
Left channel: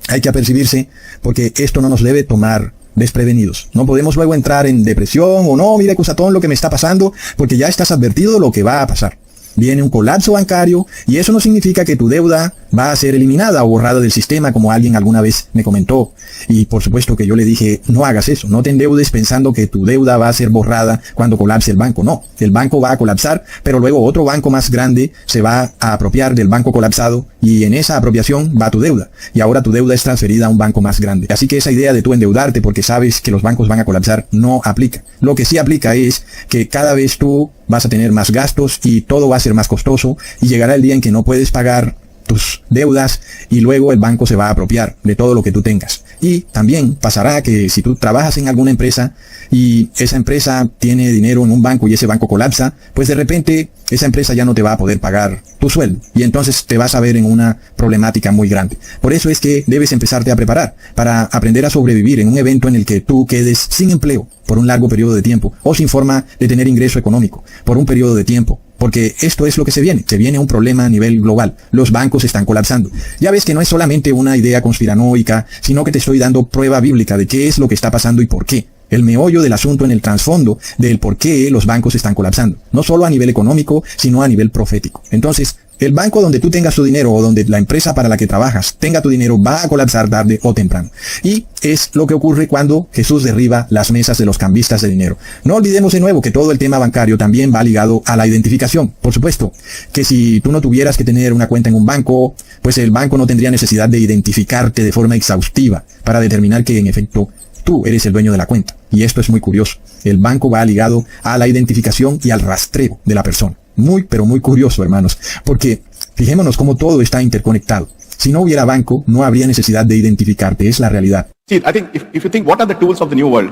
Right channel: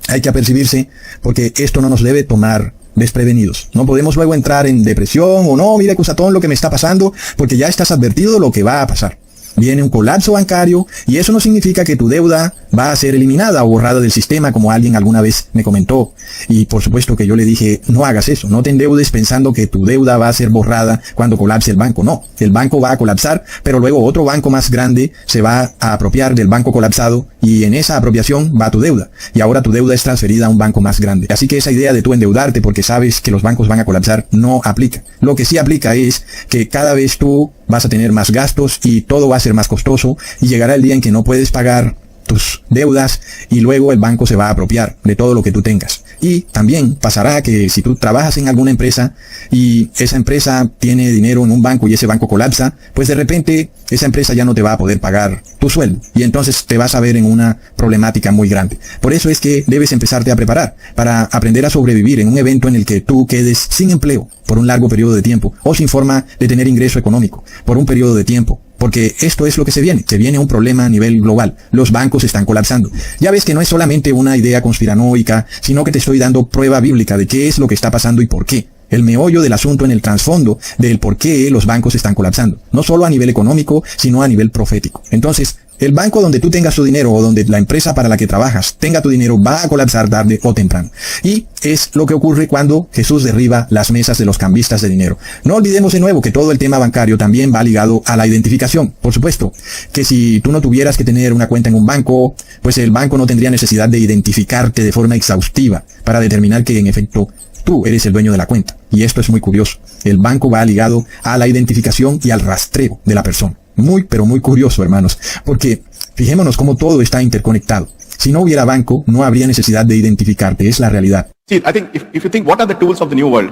hay que apercibirse porque esto no nos debe tomar desprevenidos. No podemos luego entrar en depresión o no, mira, cosatón, lo que me está pasando, porque ya estás advertido de lo que va a pasar. Viene un colapso bancario y eso no significa que tu deuda va a ser eliminada o borrada del sistema, como alguien alguna vez me comentó. Y por supuesto que yo le dije, no hagas eso, no te endeudes pensando que tu deuda va a ser borrada cuando colapse el banco. No, el banco va a colapsar, pero luego otro banco más grande se va a apropiar del banco colapsado y en esa apropiación va tu deuda. Y ahora tu deuda es transferida a un banco más grande. Así que esa idea de tú endeudarte porque sabes que los bancos van a colapsar no aplica. Lo que sí aplica es que cada vez tú vas a tener más gastos y todo va a ser más costoso y llegará el día en que no puedes pagar tus deudas y luego el banco se va a apropiar de todo lo que tú tengas. Y también pasará que si tú trabajas en alguna empresa y esa empresa tiene dinero en un banco y ese banco colapsa, pues de repente esa empresa ya no te va a poder pagar tu sueldo y entonces te vas a ver en una problemática muy grande. Por eso es que debes empezarte a preparar para aprender a sobrevivir en un evento en el que tú quedes sin empleo por un largo periodo de tiempo o sin forma de tener ingreso económico por un periodo de tiempo. Porque esto es lo que se viene un problema a nivel global. Los bancos están colapsando. Ya ves que no es solamente una idea conspiranoica, sino que te estoy dando prueba bíblica de qué es lo que está pasando y por qué. El meollo del asunto en el trasfondo del por qué los bancos están colapsando. No solo a nivel económico, sino a nivel profético. Entonces, el banco donde tú tengas tu dinero o donde la empresa para la que trabajas tenga tu dinero va a colapsar tarde o temprano. Y es lo que ocurre cuando Jesús derriba las mesas de los cambistas de dinero. No olvidemos de nuevo que todo el tema bancario también va ligado a la identificación. Por supuesto, que si tú no tuvieras que tener una cuenta en un banco, pues el banco no tendría necesidad de identificarte de forma exhaustiva para determinar que en efecto tú eres el dueño de la cuenta. Y esto es muy curioso. El banco va ligado a la identificación y al rastreo de la persona. Muy, pero muy curioso, hermanos, porque fijémonos cómo todo está interconectado. Si no hubiera banco, no habría necesidad de identificarte, es la realidad. See, I think if you think what are the tools of the new world,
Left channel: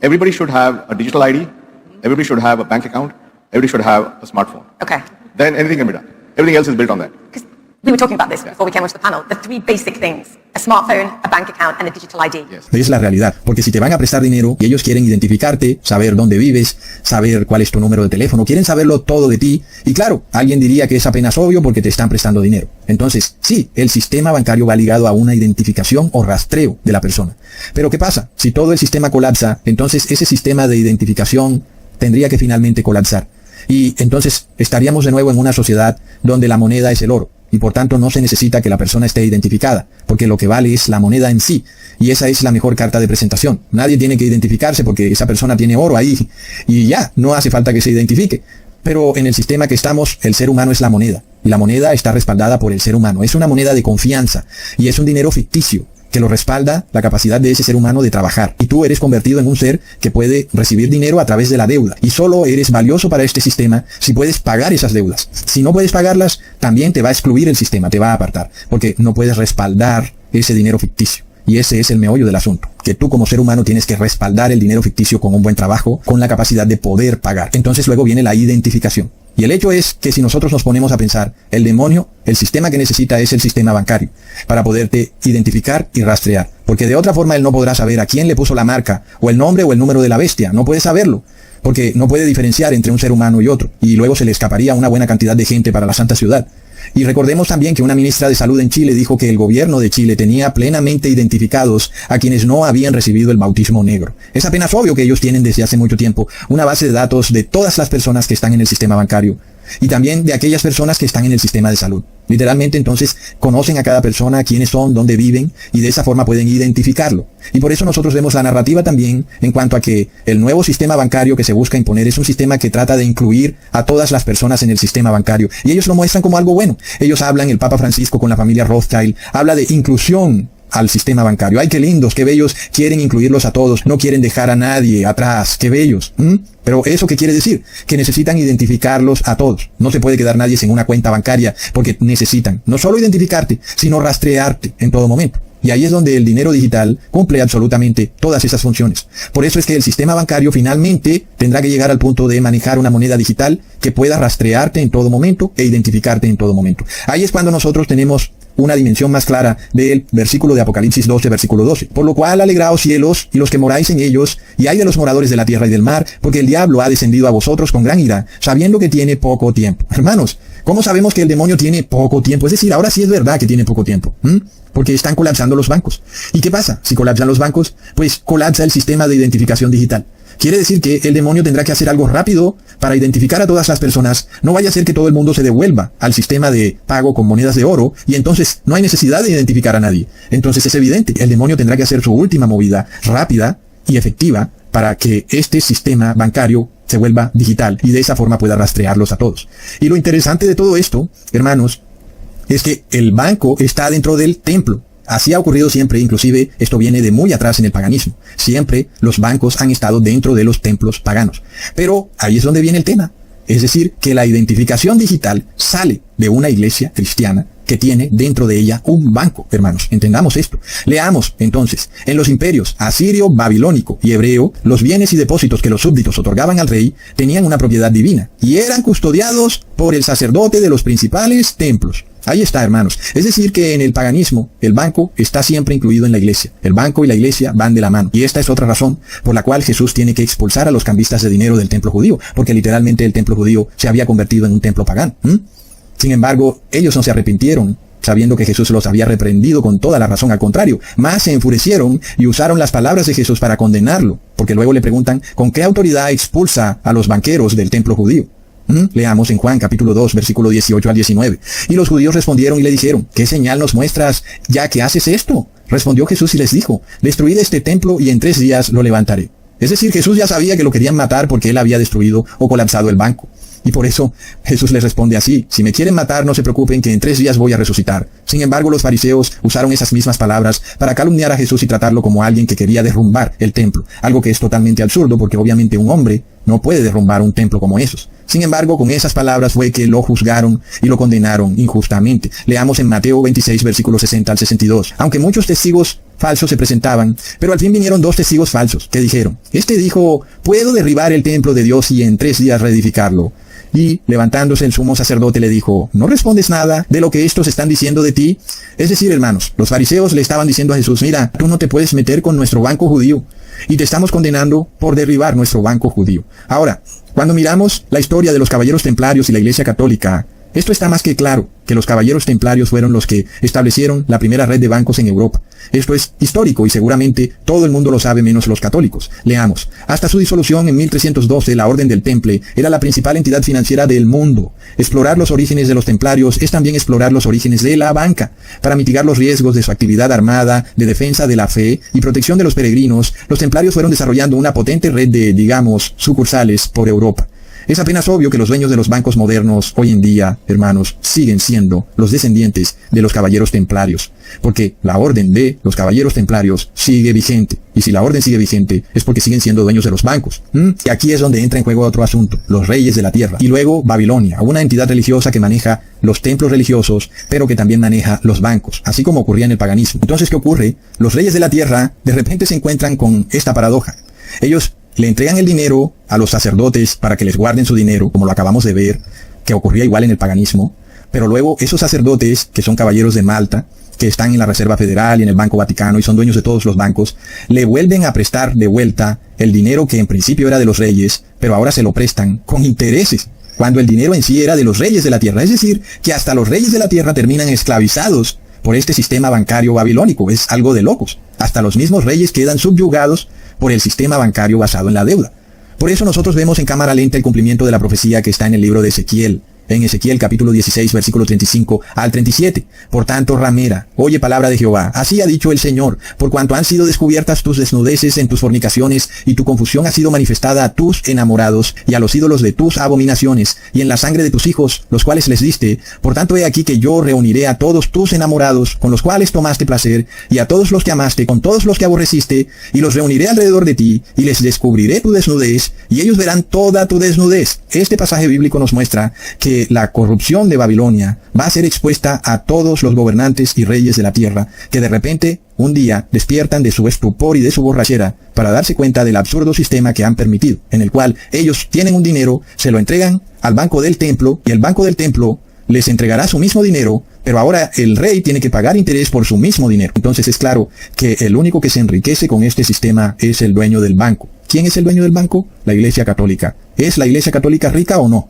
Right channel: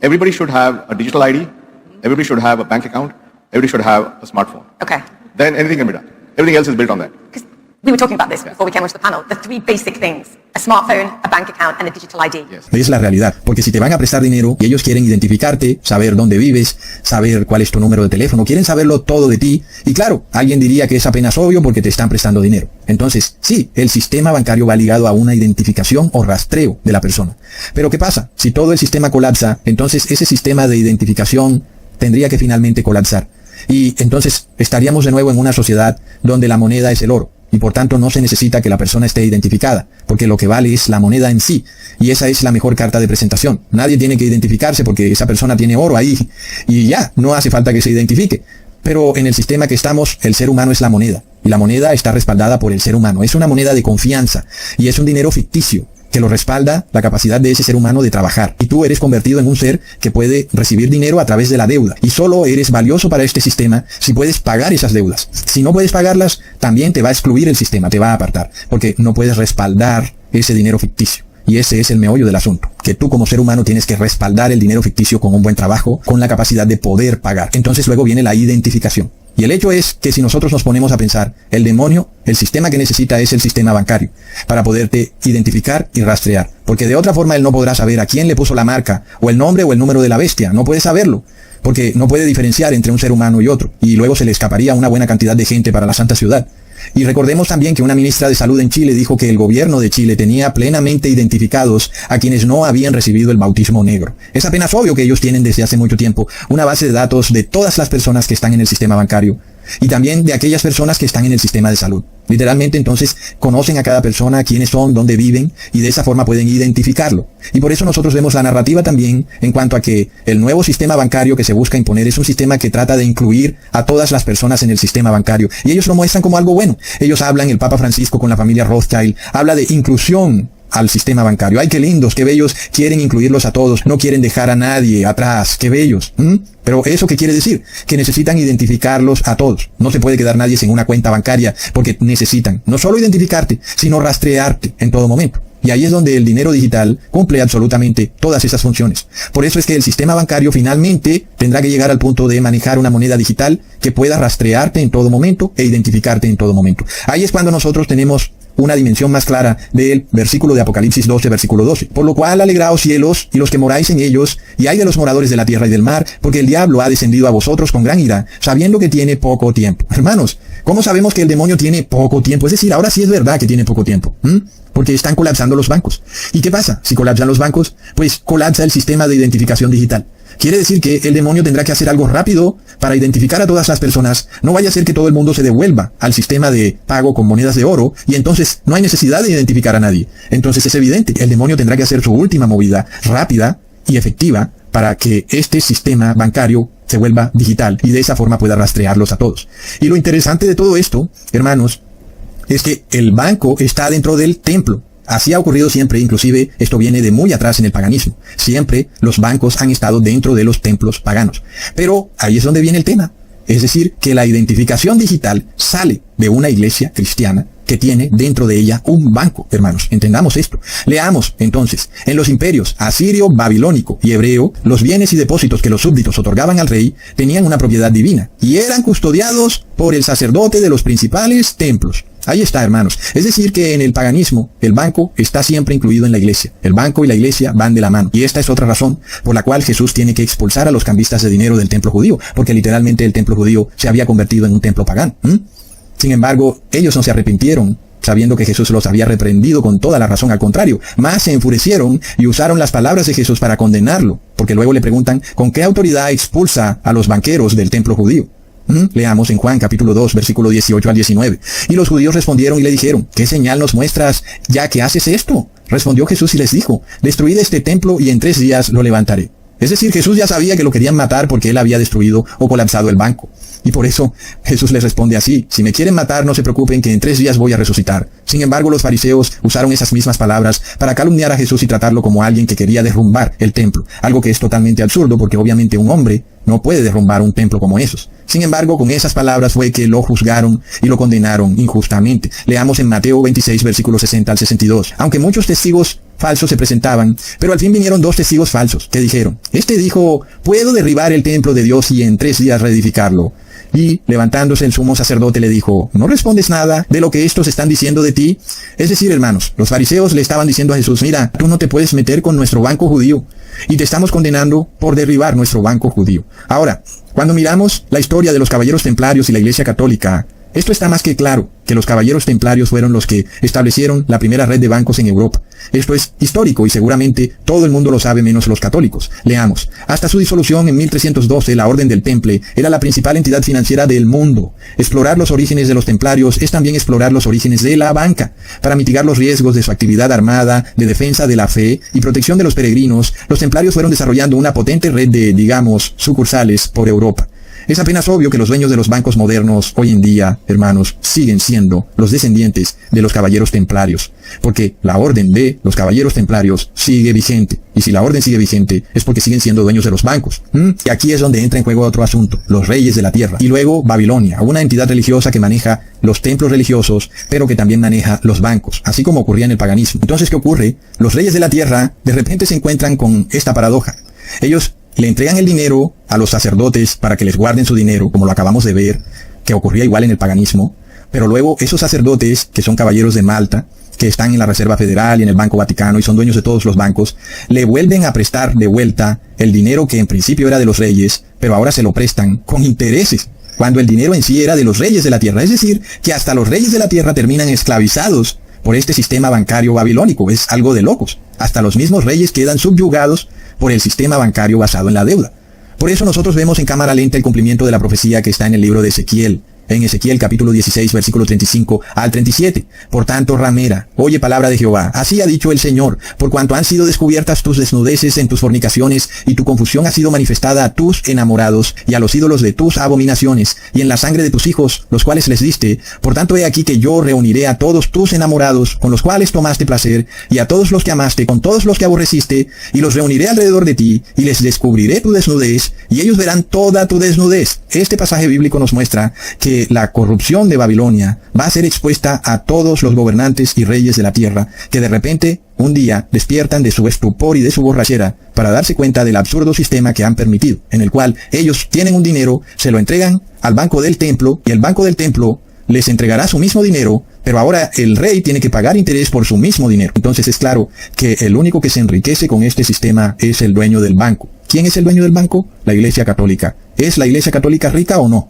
everybody should have a digital ID, everybody should have a bank account, everybody should have a smartphone. Okay. Then anything can be done. Everything else is built on that. Because we were talking about this before we came onto the panel. The three basic things: a smartphone, a bank account, and a digital ID. Yes. Es la realidad, porque si te van a prestar dinero y ellos quieren identificarte, saber dónde vives, saber cuál es tu número de teléfono, quieren saberlo todo de ti, y claro, alguien diría que es apenas obvio porque te están prestando dinero. Entonces, sí, el sistema bancario va ligado a una identificación o rastreo de la persona. Pero ¿qué pasa? Si todo el sistema colapsa, entonces ese sistema de identificación tendría que finalmente colapsar. Y entonces estaríamos de nuevo en una sociedad donde la moneda es el oro. Y por tanto no se necesita que la persona esté identificada, porque lo que vale es la moneda en sí. Y esa es la mejor carta de presentación. Nadie tiene que identificarse porque esa persona tiene oro ahí. Y ya, no hace falta que se identifique. Pero en el sistema que estamos, el ser humano es la moneda. Y la moneda está respaldada por el ser humano. Es una moneda de confianza. Y es un dinero ficticio que lo respalda la capacidad de ese ser humano de trabajar. Y tú eres convertido en un ser que puede recibir dinero a través de la deuda. Y solo eres valioso para este sistema si puedes pagar esas deudas. Si no puedes pagarlas, también te va a excluir el sistema, te va a apartar. Porque no puedes respaldar ese dinero ficticio. Y ese es el meollo del asunto, que tú como ser humano tienes que respaldar el dinero ficticio con un buen trabajo, con la capacidad de poder pagar. Entonces luego viene la identificación. Y el hecho es que si nosotros nos ponemos a pensar, el demonio, el sistema que necesita es el sistema bancario, para poderte identificar y rastrear. Porque de otra forma él no podrá saber a quién le puso la marca, o el nombre o el número de la bestia. No puede saberlo, porque no puede diferenciar entre un ser humano y otro. Y luego se le escaparía una buena cantidad de gente para la Santa Ciudad. Y recordemos también que una ministra de salud en Chile dijo que el gobierno de Chile tenía plenamente identificados a quienes no habían recibido el bautismo negro. Es apenas obvio que ellos tienen desde hace mucho tiempo una base de datos de todas las personas que están en el sistema bancario y también de aquellas personas que están en el sistema de salud. Literalmente entonces conocen a cada persona, quiénes son, dónde viven y de esa forma pueden identificarlo. Y por eso nosotros vemos la narrativa también en cuanto a que el nuevo sistema bancario que se busca imponer es un sistema que trata de incluir a todas las personas en el sistema bancario. Y ellos lo muestran como algo bueno. Ellos hablan, el Papa Francisco con la familia Rothschild, habla de inclusión al sistema bancario. ¡Ay, qué lindos, qué bellos! Quieren incluirlos a todos, no quieren dejar a nadie atrás. ¡Qué bellos! Pero ¿eso qué quiere decir? Que necesitan identificarlos a todos. No se puede quedar nadie sin una cuenta bancaria porque necesitan no solo identificarte, sino rastrearte en todo momento. Y ahí es donde el dinero digital cumple absolutamente todas esas funciones. Por eso es que el sistema bancario finalmente tendrá que llegar al punto de manejar una moneda digital que pueda rastrearte en todo momento e identificarte en todo momento. Ahí es cuando nosotros tenemos una dimensión más clara del versículo de Apocalipsis 12, versículo 12. Por lo cual alegraos cielos y los que moráis en ellos, y hay de los moradores de la tierra y del mar, porque el diablo ha descendido a vosotros con gran ira, sabiendo que tiene poco tiempo. Hermanos, ¿cómo sabemos que el demonio tiene poco tiempo? Es decir, ahora sí es verdad que tiene poco tiempo. Porque están colapsando los bancos. ¿Y qué pasa? Si colapsan los bancos, pues colapsa el sistema de identificación digital. Quiere decir que el demonio tendrá que hacer algo rápido para identificar a todas las personas. No vaya a ser que todo el mundo se devuelva al sistema de pago con monedas de oro y entonces no hay necesidad de identificar a nadie. Entonces es evidente que el demonio tendrá que hacer su última movida rápida y efectiva para que este sistema bancario se vuelva digital y de esa forma pueda rastrearlos a todos. Y lo interesante de todo esto, hermanos, es que el banco está dentro del templo. Así ha ocurrido siempre, inclusive esto viene de muy atrás en el paganismo. Siempre los bancos han estado dentro de los templos paganos. Pero ahí es donde viene el tema. Es decir, que la identificación digital sale de una iglesia cristiana que tiene dentro de ella un banco, hermanos. Entendamos esto. Leamos, entonces, en los imperios asirio, babilónico y hebreo, los bienes y depósitos que los súbditos otorgaban al rey tenían una propiedad divina y eran custodiados por el sacerdote de los principales templos. Ahí está, hermanos. Es decir, que en el paganismo, el banco está siempre incluido en la iglesia. El banco y la iglesia van de la mano. Y esta es otra razón por la cual Jesús tiene que expulsar a los cambistas de dinero del templo judío, porque literalmente el templo judío se había convertido en un templo pagano. Sin embargo, ellos no se arrepintieron, sabiendo que Jesús los había reprendido con toda la razón. Al contrario, más se enfurecieron y usaron las palabras de Jesús para condenarlo, porque luego le preguntan, ¿con qué autoridad expulsa a los banqueros del templo judío? Leamos en Juan capítulo 2, versículo 18 al 19. Y los judíos respondieron y le dijeron, ¿qué señal nos muestras ya que haces esto? Respondió Jesús y les dijo, destruid este templo y en 3 días lo levantaré. Es decir, Jesús ya sabía que lo querían matar porque él había destruido o colapsado el banco. Y por eso Jesús les responde así, si me quieren matar no se preocupen que en 3 días voy a resucitar. Sin embargo, los fariseos usaron esas mismas palabras para calumniar a Jesús y tratarlo como alguien que quería derrumbar el templo. Algo que es totalmente absurdo porque obviamente un hombre no puede derrumbar un templo como esos. Sin embargo, con esas palabras fue que lo juzgaron y lo condenaron injustamente. Leamos en Mateo 26, versículos 60 al 62. Aunque muchos testigos falsos se presentaban, pero al fin vinieron 2 testigos falsos que dijeron, este dijo, puedo derribar el templo de Dios y en 3 días reedificarlo. Y levantándose el sumo sacerdote le dijo, ¿no respondes nada de lo que estos están diciendo de ti? Es decir, hermanos, los fariseos le estaban diciendo a Jesús, mira, tú no te puedes meter con nuestro banco judío y te estamos condenando por derribar nuestro banco judío. Ahora, cuando miramos la historia de los caballeros templarios y la iglesia católica, Esto está más que claro, que los caballeros templarios fueron los que establecieron la primera red de bancos en Europa. Esto es histórico y seguramente todo el mundo lo sabe menos los católicos. Leamos. Hasta su disolución en 1312, la Orden del Temple era la principal entidad financiera del mundo. Explorar los orígenes de los templarios es también explorar los orígenes de la banca. Para mitigar los riesgos de su actividad armada, de defensa de la fe y protección de los peregrinos, los templarios fueron desarrollando una potente red de, digamos, sucursales por Europa. Es apenas obvio que los dueños de los bancos modernos hoy en día, hermanos, siguen siendo los descendientes de los caballeros templarios, porque la orden de los caballeros templarios sigue vigente. Y si la orden sigue vigente, es porque siguen siendo dueños de los bancos. Y aquí es donde entra en juego otro asunto, los reyes de la tierra. Y luego Babilonia, una entidad religiosa que maneja los templos religiosos, pero que también maneja los bancos, así como ocurría en el paganismo. Entonces, ¿qué ocurre? Los reyes de la tierra de repente se encuentran con esta paradoja. Ellos le entregan el dinero a los sacerdotes para que les guarden su dinero, como lo acabamos de ver, que ocurría igual en el paganismo, pero luego esos sacerdotes, que son caballeros de Malta, que están en la Reserva Federal y en el Banco Vaticano y son dueños de todos los bancos, le vuelven a prestar de vuelta el dinero que en principio era de los reyes, pero ahora se lo prestan con intereses, cuando el dinero en sí era de los reyes de la tierra. Es decir, que hasta los reyes de la tierra terminan esclavizados por este sistema bancario babilónico. Es algo de locos. Hasta los mismos reyes quedan subyugados por el sistema bancario basado en la deuda. Por eso nosotros vemos en cámara lenta el cumplimiento de la profecía que está en el libro de Ezequiel. En Ezequiel capítulo 16, versículo 35 al 37. Por tanto, ramera, oye palabra de Jehová. Así ha dicho el Señor, por cuanto han sido descubiertas tus desnudeces en tus fornicaciones, y tu confusión ha sido manifestada a tus enamorados, y a los ídolos de tus abominaciones, y en la sangre de tus hijos, los cuales les diste. Por tanto, he aquí que yo reuniré a todos tus enamorados, con los cuales tomaste placer, y a todos los que amaste, con todos los que aborreciste, y los reuniré alrededor de ti, y les descubriré tu desnudez, y ellos verán toda tu desnudez. Este pasaje bíblico nos muestra que la corrupción de Babilonia va a ser expuesta a todos los gobernantes y reyes de la tierra, que de repente un día despiertan de su estupor y de su borrachera para darse cuenta del absurdo sistema que han permitido, en el cual ellos tienen un dinero, se lo entregan al banco del templo, y el banco del templo les entregará su mismo dinero, pero ahora el rey tiene que pagar interés por su mismo dinero. Entonces es claro que el único que se enriquece con este sistema es el dueño del banco. ¿Quién es el dueño del banco? La Iglesia Católica. ¿Es la Iglesia Católica rica o no?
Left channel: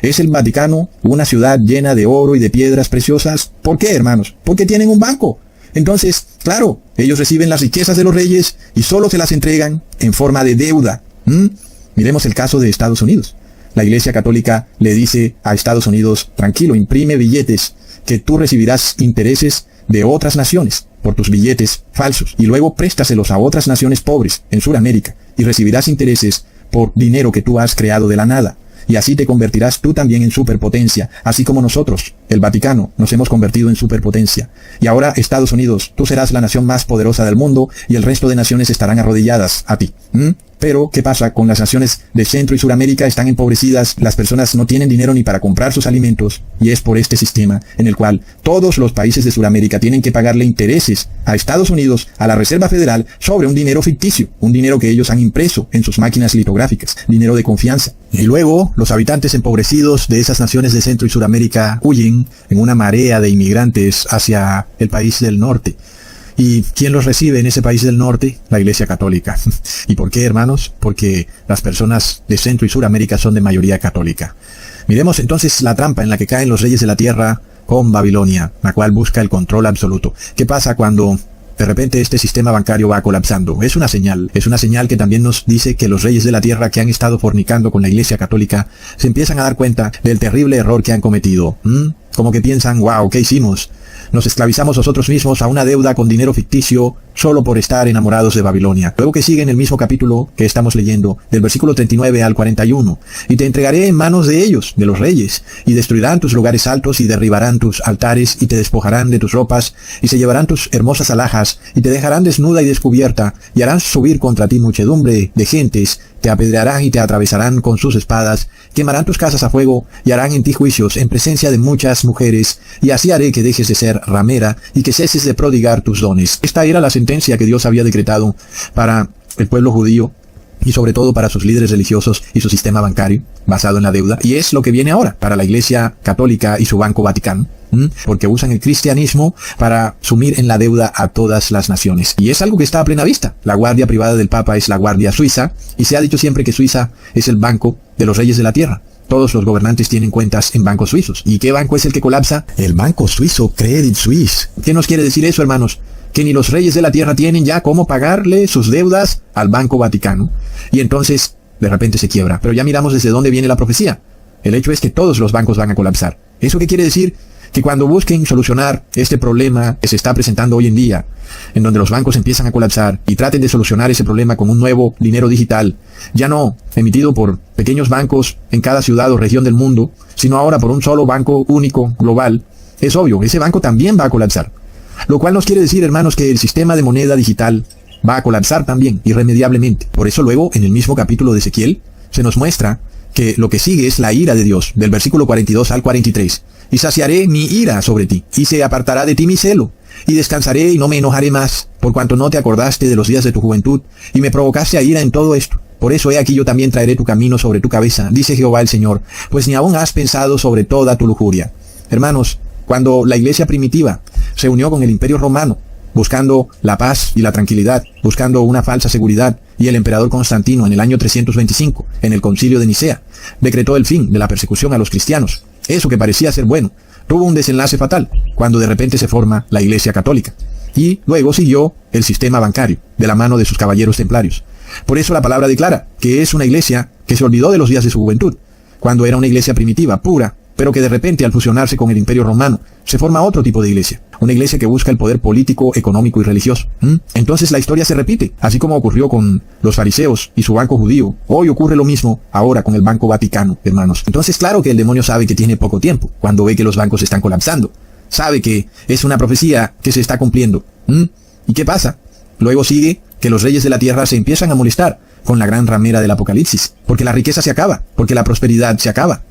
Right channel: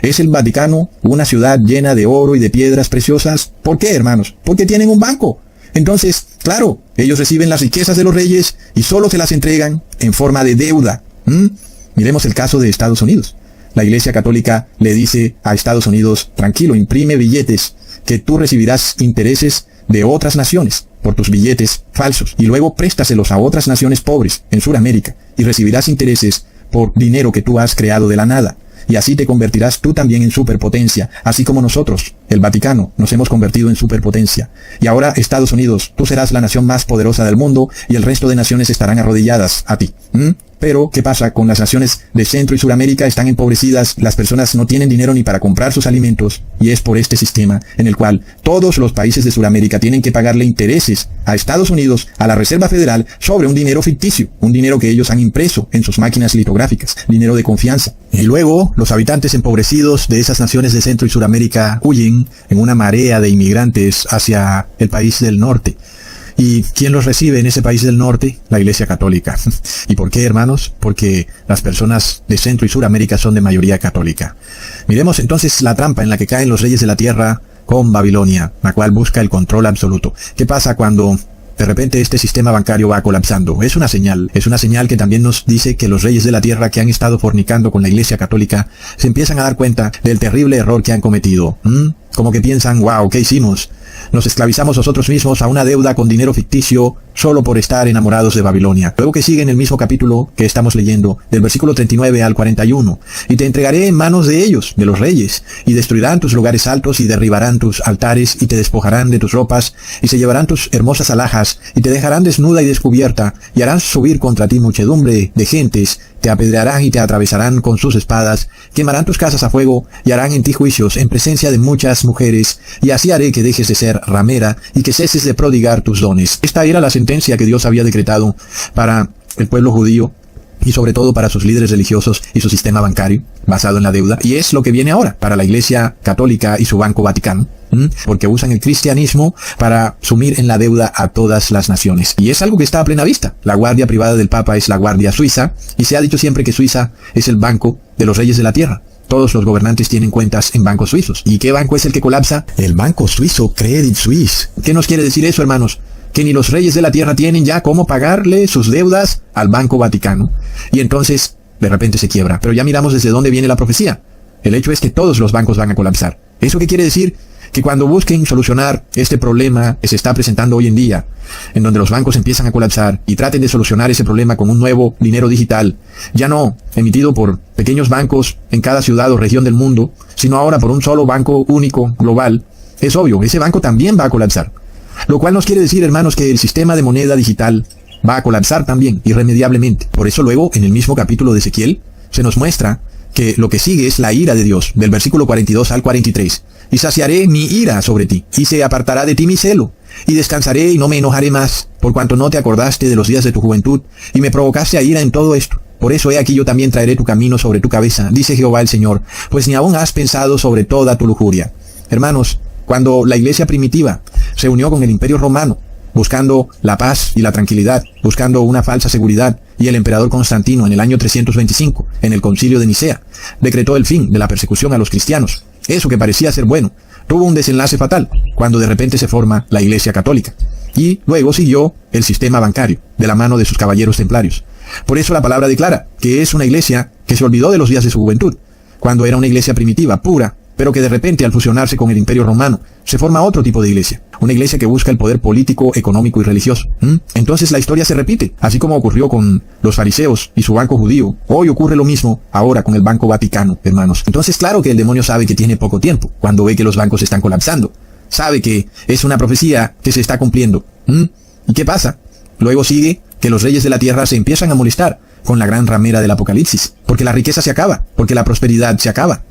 ¿Es el Vaticano una ciudad llena de oro y de piedras preciosas? ¿Por qué, hermanos? Porque tienen un banco. Entonces, claro, ellos reciben las riquezas de los reyes y solo se las entregan en forma de deuda. Miremos el caso de Estados Unidos. La Iglesia Católica le dice a Estados Unidos, tranquilo, imprime billetes, que tú recibirás intereses de otras naciones por tus billetes falsos, y luego préstaselos a otras naciones pobres en Sudamérica, y recibirás intereses por dinero que tú has creado de la nada. Y así te convertirás tú también en superpotencia, así como nosotros, el Vaticano, nos hemos convertido en superpotencia. Y ahora, Estados Unidos, tú serás la nación más poderosa del mundo, y el resto de naciones estarán arrodilladas a ti. Pero, ¿qué pasa? Con las naciones de Centro y Suramérica están empobrecidas, las personas no tienen dinero ni para comprar sus alimentos, y es por este sistema en el cual todos los países de Suramérica tienen que pagarle intereses a Estados Unidos, a la Reserva Federal, sobre un dinero ficticio, un dinero que ellos han impreso en sus máquinas litográficas, dinero de confianza. Y luego, los habitantes empobrecidos de esas naciones de Centro y Suramérica huyen en una marea de inmigrantes hacia el país del norte. ¿Y quién los recibe en ese país del norte? La Iglesia Católica. ¿Y por qué, hermanos? Porque las personas de Centro y Suramérica son de mayoría católica. Miremos entonces la trampa en la que caen los reyes de la tierra con Babilonia, la cual busca el control absoluto. ¿Qué pasa cuando de repente este sistema bancario va colapsando? Es una señal que también nos dice que los reyes de la tierra que han estado fornicando con la Iglesia Católica se empiezan a dar cuenta del terrible error que han cometido. Como que piensan, wow, ¿qué hicimos? Nos esclavizamos nosotros mismos a una deuda con dinero ficticio solo por estar enamorados de Babilonia. Luego que sigue en el mismo capítulo que estamos leyendo, del versículo 39 al 41. Y te entregaré en manos de ellos, de los reyes, y destruirán tus lugares altos y derribarán tus altares y te despojarán de tus ropas y se llevarán tus hermosas alhajas y te dejarán desnuda y descubierta y harán subir contra ti muchedumbre de gentes, te apedrearán y te atravesarán con sus espadas, quemarán tus casas a fuego y harán en ti juicios en presencia de muchas mujeres, y así haré que dejes de ser ramera y que ceses de prodigar tus dones. Esta era la sentencia que Dios había decretado para el pueblo judío y sobre todo para sus líderes religiosos y su sistema bancario basado en la deuda, y es lo que viene ahora para la Iglesia Católica y su Banco Vaticano. Porque usan el cristianismo para sumir en la deuda a todas las naciones. Y es algo que está a plena vista. La guardia privada del Papa es la Guardia Suiza, y se ha dicho siempre que Suiza es el banco de los reyes de la tierra. todos los gobernantes tienen cuentas en bancos suizos. ¿Y qué banco es el que colapsa? El banco suizo Credit Suisse. ¿Qué nos quiere decir eso, hermanos? Que ni los reyes de la tierra tienen ya cómo pagarle sus deudas al Banco Vaticano. Y entonces, de repente se quiebra. Pero ya miramos desde dónde viene la profecía. El hecho es que todos los bancos van a colapsar. ¿Eso qué quiere decir? Que cuando busquen solucionar este problema que se está presentando hoy en día, en donde los bancos empiezan a colapsar y traten de solucionar ese problema con un nuevo dinero digital, ya no emitido por pequeños bancos en cada ciudad o región del mundo, sino ahora por un solo banco único, global, es obvio, ese banco también va a colapsar. Lo cual nos quiere decir, hermanos, que el sistema de moneda digital va a colapsar también, irremediablemente. Por eso luego, en el mismo capítulo de Ezequiel, se nos muestra que lo que sigue es la ira de Dios, del versículo 42 al 43. Y saciaré mi ira sobre ti, y se apartará de ti mi celo, y descansaré y no me enojaré más, por cuanto no te acordaste de los días de tu juventud, y me provocaste a ira en todo esto. Por eso he aquí yo también traeré tu camino sobre tu cabeza, dice Jehová el Señor, pues ni aún has pensado sobre toda tu lujuria. Hermanos, cuando la iglesia primitiva se unió con el Imperio Romano, buscando la paz y la tranquilidad, buscando una falsa seguridad, y el emperador Constantino en el año 325, en el concilio de Nicea, decretó el fin de la persecución a los cristianos. Eso que parecía ser bueno, tuvo un desenlace fatal, cuando de repente se forma la Iglesia Católica. Y luego siguió el sistema bancario, de la mano de sus caballeros templarios. Por eso la palabra declara que es una iglesia que se olvidó de los días de su juventud, cuando era una iglesia primitiva, pura, pero que de repente al fusionarse con el Imperio Romano, se forma otro tipo de iglesia. Una iglesia que busca el poder político, económico y religioso. Entonces la historia se repite, así como ocurrió con los fariseos y su banco judío. Hoy ocurre lo mismo ahora con el Banco Vaticano, hermanos. Entonces claro que el demonio sabe que tiene poco tiempo, cuando ve que los bancos están colapsando. Sabe que es una profecía que se está cumpliendo. ¿Y qué pasa? Luego sigue que los reyes de la tierra se empiezan a molestar con la gran ramera del Apocalipsis, porque la riqueza se acaba, porque la prosperidad se acaba.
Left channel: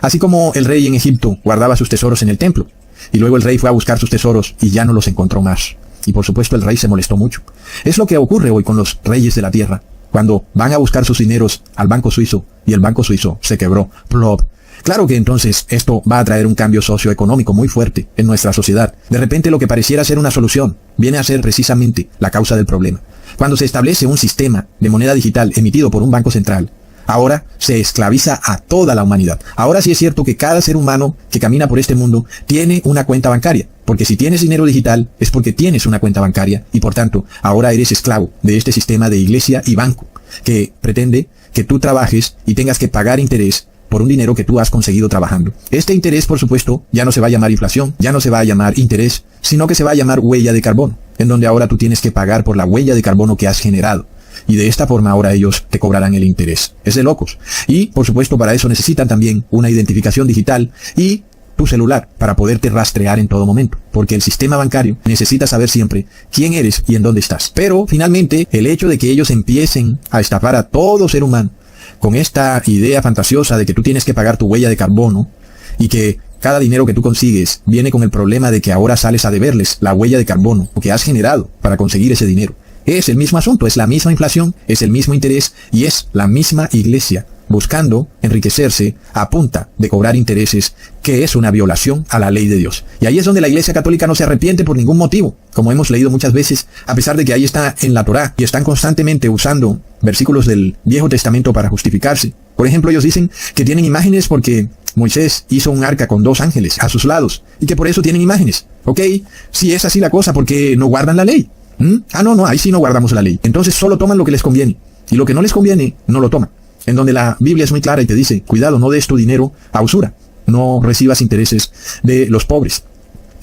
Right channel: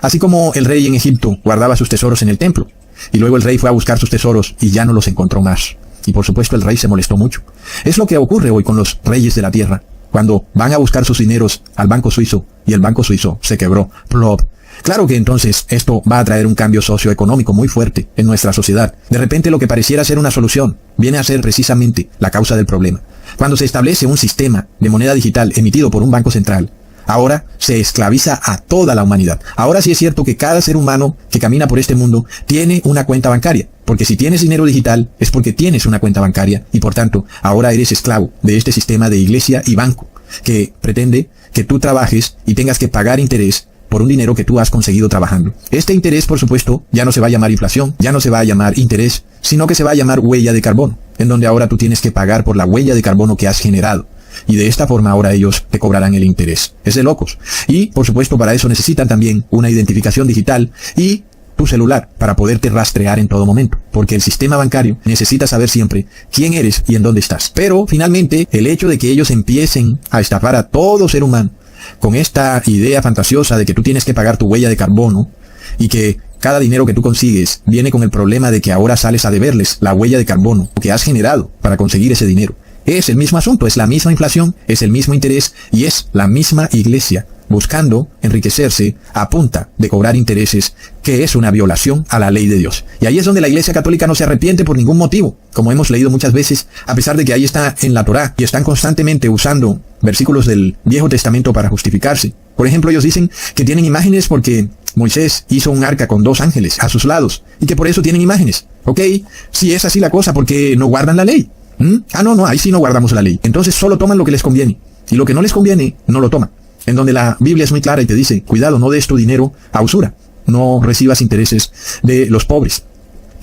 Así como el rey en Egipto guardaba sus tesoros en el templo, y luego el rey fue a buscar sus tesoros y ya no los encontró más. Y por supuesto el rey se molestó mucho. Es lo que ocurre hoy con los reyes de la tierra, cuando van a buscar sus dineros al banco suizo, y el banco suizo se quebró. Plop. Claro que entonces esto va a traer un cambio socioeconómico muy fuerte en nuestra sociedad. De repente lo que pareciera ser una solución viene a ser precisamente la causa del problema. Cuando se establece un sistema de moneda digital emitido por un banco central, ahora se esclaviza a toda la humanidad. Ahora sí es cierto que cada ser humano que camina por este mundo tiene una cuenta bancaria. Porque si tienes dinero digital es porque tienes una cuenta bancaria y por tanto ahora eres esclavo de este sistema de iglesia y banco que pretende que tú trabajes y tengas que pagar interés por un dinero que tú has conseguido trabajando. Este interés, por supuesto, ya no se va a llamar inflación, ya no se va a llamar interés, sino que se va a llamar huella de carbono, en donde ahora tú tienes que pagar por la huella de carbono que has generado. Y de esta forma ahora ellos te cobrarán el interés. Es de locos. Y, por supuesto, para eso necesitan también una identificación digital y tu celular para poderte rastrear en todo momento. Porque el sistema bancario necesita saber siempre quién eres y en dónde estás. Pero, finalmente, el hecho de que ellos empiecen a estafar a todo ser humano con esta idea fantasiosa de que tú tienes que pagar tu huella de carbono y que cada dinero que tú consigues viene con el problema de que ahora sales a deberles la huella de carbono que has generado para conseguir ese dinero. Es el mismo asunto, es la misma inflación, es el mismo interés y es la misma iglesia buscando enriquecerse a punta de cobrar intereses, que es una violación a la ley de Dios. Y ahí es donde la Iglesia Católica no se arrepiente por ningún motivo, como hemos leído muchas veces, a pesar de que ahí está en la Torá y están constantemente usando versículos del Viejo Testamento para justificarse. Por ejemplo, ellos dicen que tienen imágenes porque Moisés hizo un arca con 2 ángeles a sus lados y que por eso tienen imágenes. ¿Ok? Si es así la cosa, ¿por qué no guardan la ley? No, ahí sí no guardamos la ley. Entonces solo toman lo que les conviene. Y lo que no les conviene, no lo toman. En donde la Biblia es muy clara y te dice, cuidado, no des tu dinero a usura. No recibas intereses de los pobres.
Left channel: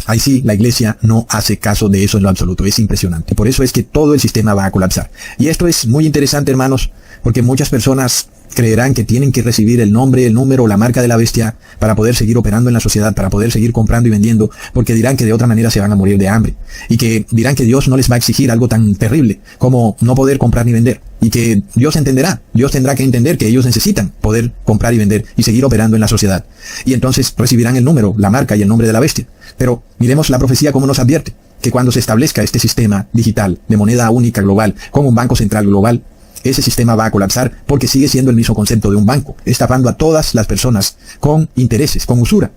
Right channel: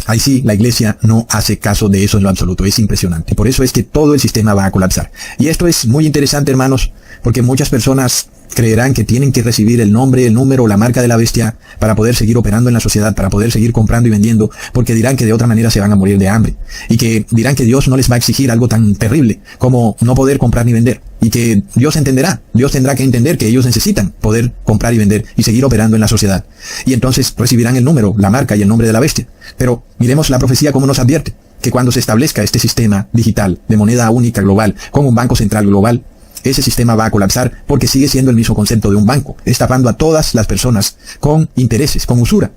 Ahí sí, la iglesia no hace caso de eso en lo absoluto. Es impresionante. Por eso es que todo el sistema va a colapsar. Y esto es muy interesante, hermanos, porque muchas personas creerán que tienen que recibir el nombre, el número, la marca de la bestia para poder seguir operando en la sociedad, para poder seguir comprando y vendiendo, porque dirán que de otra manera se van a morir de hambre. Y que dirán que Dios no les va a exigir algo tan terrible como no poder comprar ni vender. Y que Dios entenderá, Dios tendrá que entender que ellos necesitan poder comprar y vender y seguir operando en la sociedad. Y entonces recibirán el número, la marca y el nombre de la bestia. Pero miremos la profecía como nos advierte, que cuando se establezca este sistema digital de moneda única global, como un banco central global, ese sistema va a colapsar porque sigue siendo el mismo concepto de un banco, estafando a todas las personas con intereses, con usura,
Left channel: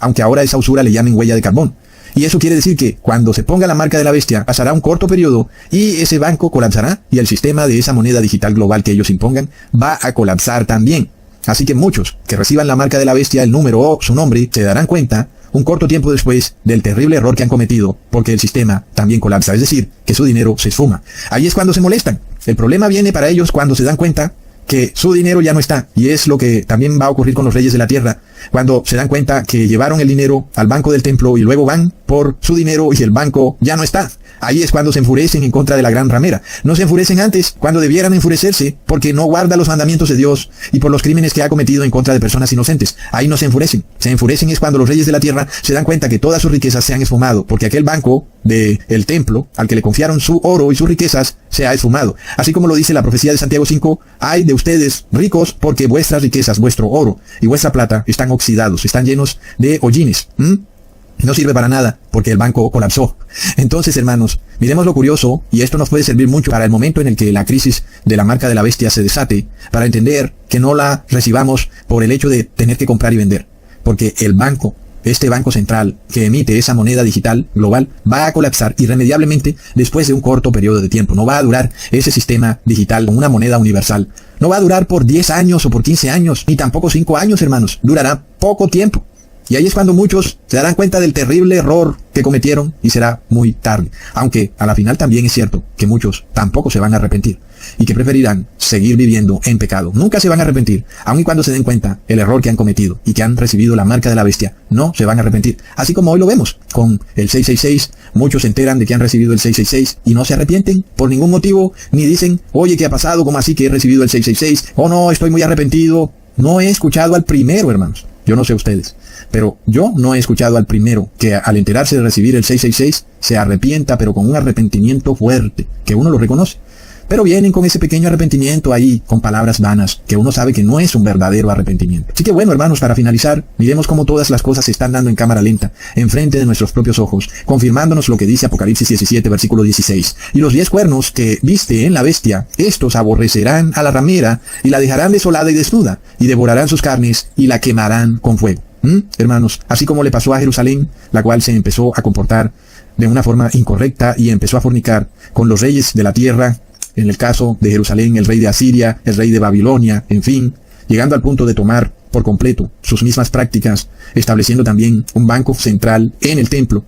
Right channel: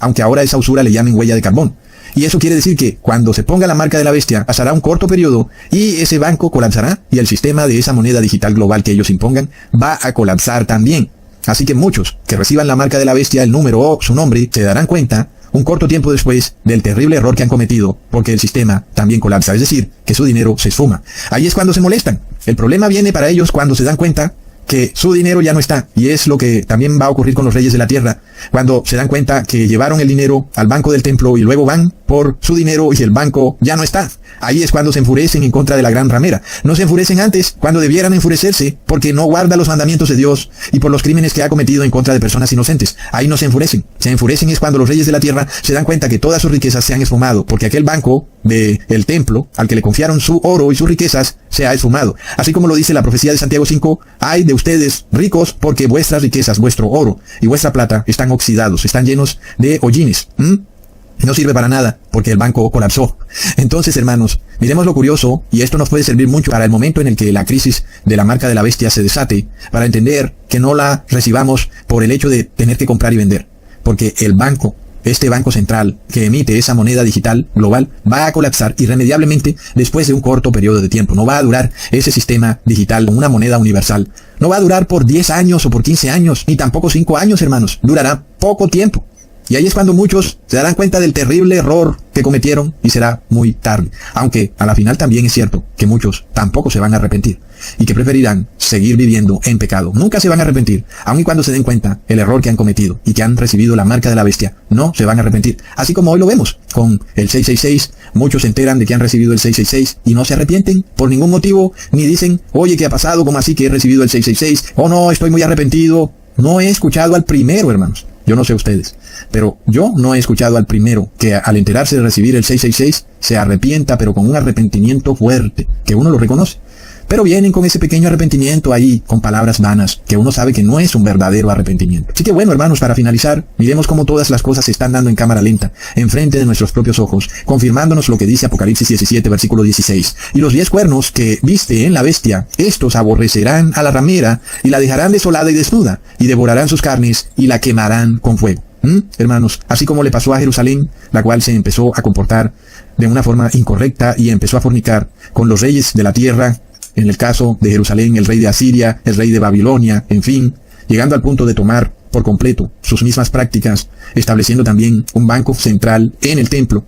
aunque ahora esa usura le llamen huella de carbono. Y eso quiere decir que cuando se ponga la marca de la bestia, pasará un corto periodo y ese banco colapsará y el sistema de esa moneda digital global que ellos impongan va a colapsar también. Así que muchos que reciban la marca de la bestia, el número o su nombre, se darán cuenta un corto tiempo después del terrible error que han cometido, porque el sistema también colapsa, es decir, que su dinero se suma. Ahí es cuando se molestan. El problema viene para ellos cuando se dan cuenta que su dinero ya no está, y es lo que también va a ocurrir con los reyes de la tierra, cuando se dan cuenta que llevaron el dinero al banco del templo y luego van por su dinero y el banco ya no está. Ahí es cuando se enfurecen en contra de la gran ramera. No se enfurecen antes, cuando debieran enfurecerse, porque no guarda los mandamientos de Dios y por los crímenes que ha cometido en contra de personas inocentes. Ahí no se enfurecen. Se enfurecen es cuando los reyes de la tierra se dan cuenta que todas sus riquezas se han esfumado, porque aquel banco del templo, al que le confiaron su oro y sus riquezas, se ha esfumado. Así como lo dice la profecía de Santiago 5, ay de ustedes ricos, porque vuestras riquezas, vuestro oro y vuestra plata están oxidados, están llenos de hollines. No sirve para nada, porque el banco colapsó. Entonces, hermanos, miremos lo curioso, y esto nos puede servir mucho para el momento en el que la crisis de la marca de la bestia se desate, para entender que no la recibamos por el hecho de tener que comprar y vender. Porque el banco, este banco central que emite esa moneda digital global, va a colapsar irremediablemente después de un corto periodo de tiempo. No va a durar ese sistema digital, una moneda universal. No va a durar por 10 años o por 15 años, ni tampoco 5 años, hermanos. Durará poco tiempo. Y ahí es cuando muchos se darán cuenta del terrible error que cometieron y será muy tarde. Aunque a la final también es cierto que muchos tampoco se van a arrepentir y que preferirán seguir viviendo en pecado. Nunca se van a arrepentir, aun y cuando se den cuenta el error que han cometido y que han recibido la marca de la bestia. No se van a arrepentir. Así como hoy lo vemos con el 666. Muchos se enteran de que han recibido el 666 y no se arrepienten por ningún motivo, ni dicen, oye, ¿qué ha pasado? ¿Cómo así que he recibido el 666? Oh no, estoy muy arrepentido. No he escuchado al primero, hermanos. Yo no sé ustedes, pero yo no he escuchado al primero que al enterarse de recibir el 666 se arrepienta, pero con un arrepentimiento fuerte, que uno lo reconoce. Pero vienen con ese pequeño arrepentimiento ahí, con palabras vanas, que uno sabe que no es un verdadero arrepentimiento. Así que bueno, hermanos, para finalizar, miremos cómo todas las cosas se están dando en cámara lenta, enfrente de nuestros propios ojos, confirmándonos lo que dice Apocalipsis 17, versículo 16. Y los 10 cuernos que viste en la bestia, estos aborrecerán a la ramera, y la dejarán desolada y desnuda, y devorarán sus carnes, y la quemarán con fuego. Hermanos, así como le pasó a Jerusalén, la cual se empezó a comportar de una forma incorrecta y empezó a fornicar con los reyes de la tierra, en el caso de Jerusalén, el rey de Asiria, el rey de Babilonia, en fin, llegando al punto de tomar por completo sus mismas prácticas, estableciendo también un banco central en el templo.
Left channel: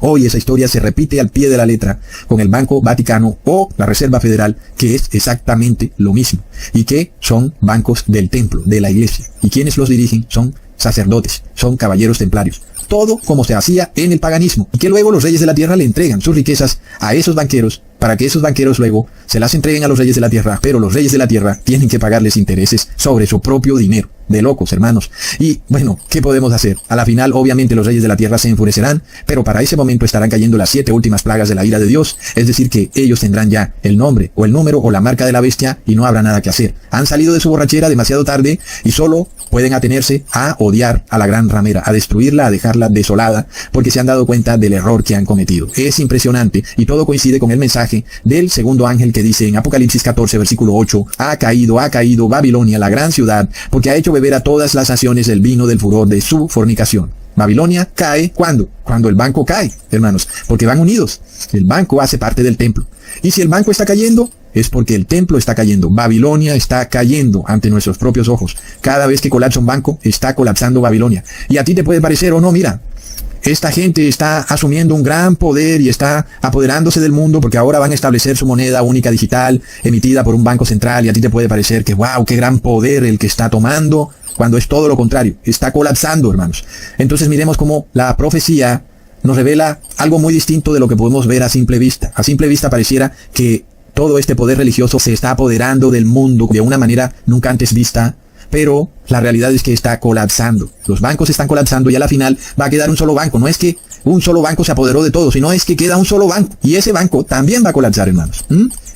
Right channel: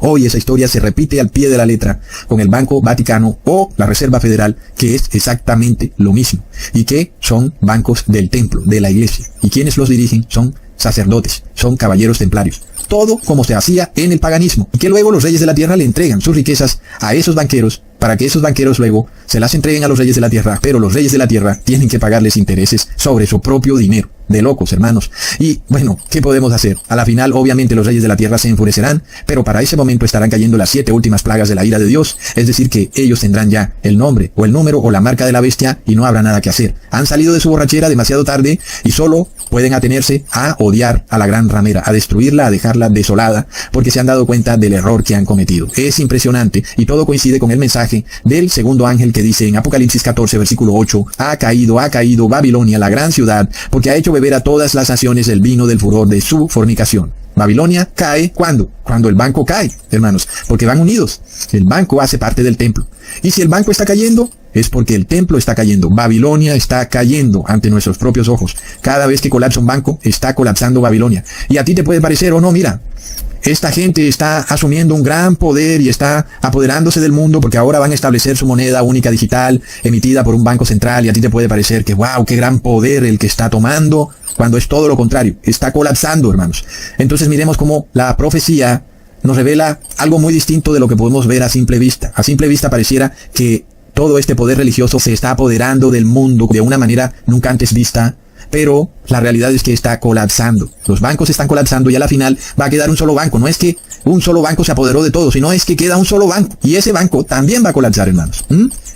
Hoy esa historia se repite al pie de la letra con el Banco Vaticano o la Reserva Federal, que es exactamente lo mismo, y que son bancos del templo, de la iglesia, y quienes los dirigen son sacerdotes, son caballeros templarios. Todo como se hacía en el paganismo, y que luego los reyes de la tierra le entregan sus riquezas a esos banqueros, para que esos banqueros luego se las entreguen a los reyes de la tierra, pero los reyes de la tierra tienen que pagarles intereses sobre su propio dinero. De locos, hermanos. Y bueno, ¿qué podemos hacer? A la final, obviamente, los reyes de la tierra se enfurecerán, pero para ese momento estarán cayendo las 7 últimas plagas de la ira de Dios, es decir, que ellos tendrán ya el nombre, o el número, o la marca de la bestia, y no habrá nada que hacer. Han salido de su borrachera demasiado tarde, y solo pueden atenerse a odiar a la gran ramera, a destruirla, a dejarla desolada, porque se han dado cuenta del error que han cometido. Es impresionante, y todo coincide con el mensaje del segundo ángel que dice en Apocalipsis 14, versículo 8, ha caído Babilonia, la gran ciudad, porque ha hecho beber a todas las naciones el vino del furor de su fornicación. Babilonia cae, ¿cuándo? Cuando el banco cae, hermanos, porque van unidos. El banco hace parte del templo. Y si el banco está cayendo, es porque el templo está cayendo. Babilonia está cayendo ante nuestros propios ojos. Cada vez que colapsa un banco, está colapsando Babilonia. Y a ti te puede parecer, o no, mira, esta gente está asumiendo un gran poder y está apoderándose del mundo porque ahora van a establecer su moneda única digital emitida por un banco central, y a ti te puede parecer que wow, qué gran poder el que está tomando, cuando es todo lo contrario, está colapsando, hermanos. Entonces miremos cómo la profecía nos revela algo muy distinto de lo que podemos ver a simple vista. A simple vista pareciera que todo este poder religioso se está apoderando del mundo de una manera nunca antes vista, pero la realidad es que está colapsando. Los bancos están colapsando y a la final va a quedar un solo banco. No es que un solo banco se apoderó de todo, sino es que queda un solo banco. Y ese banco también va a colapsar, hermanos.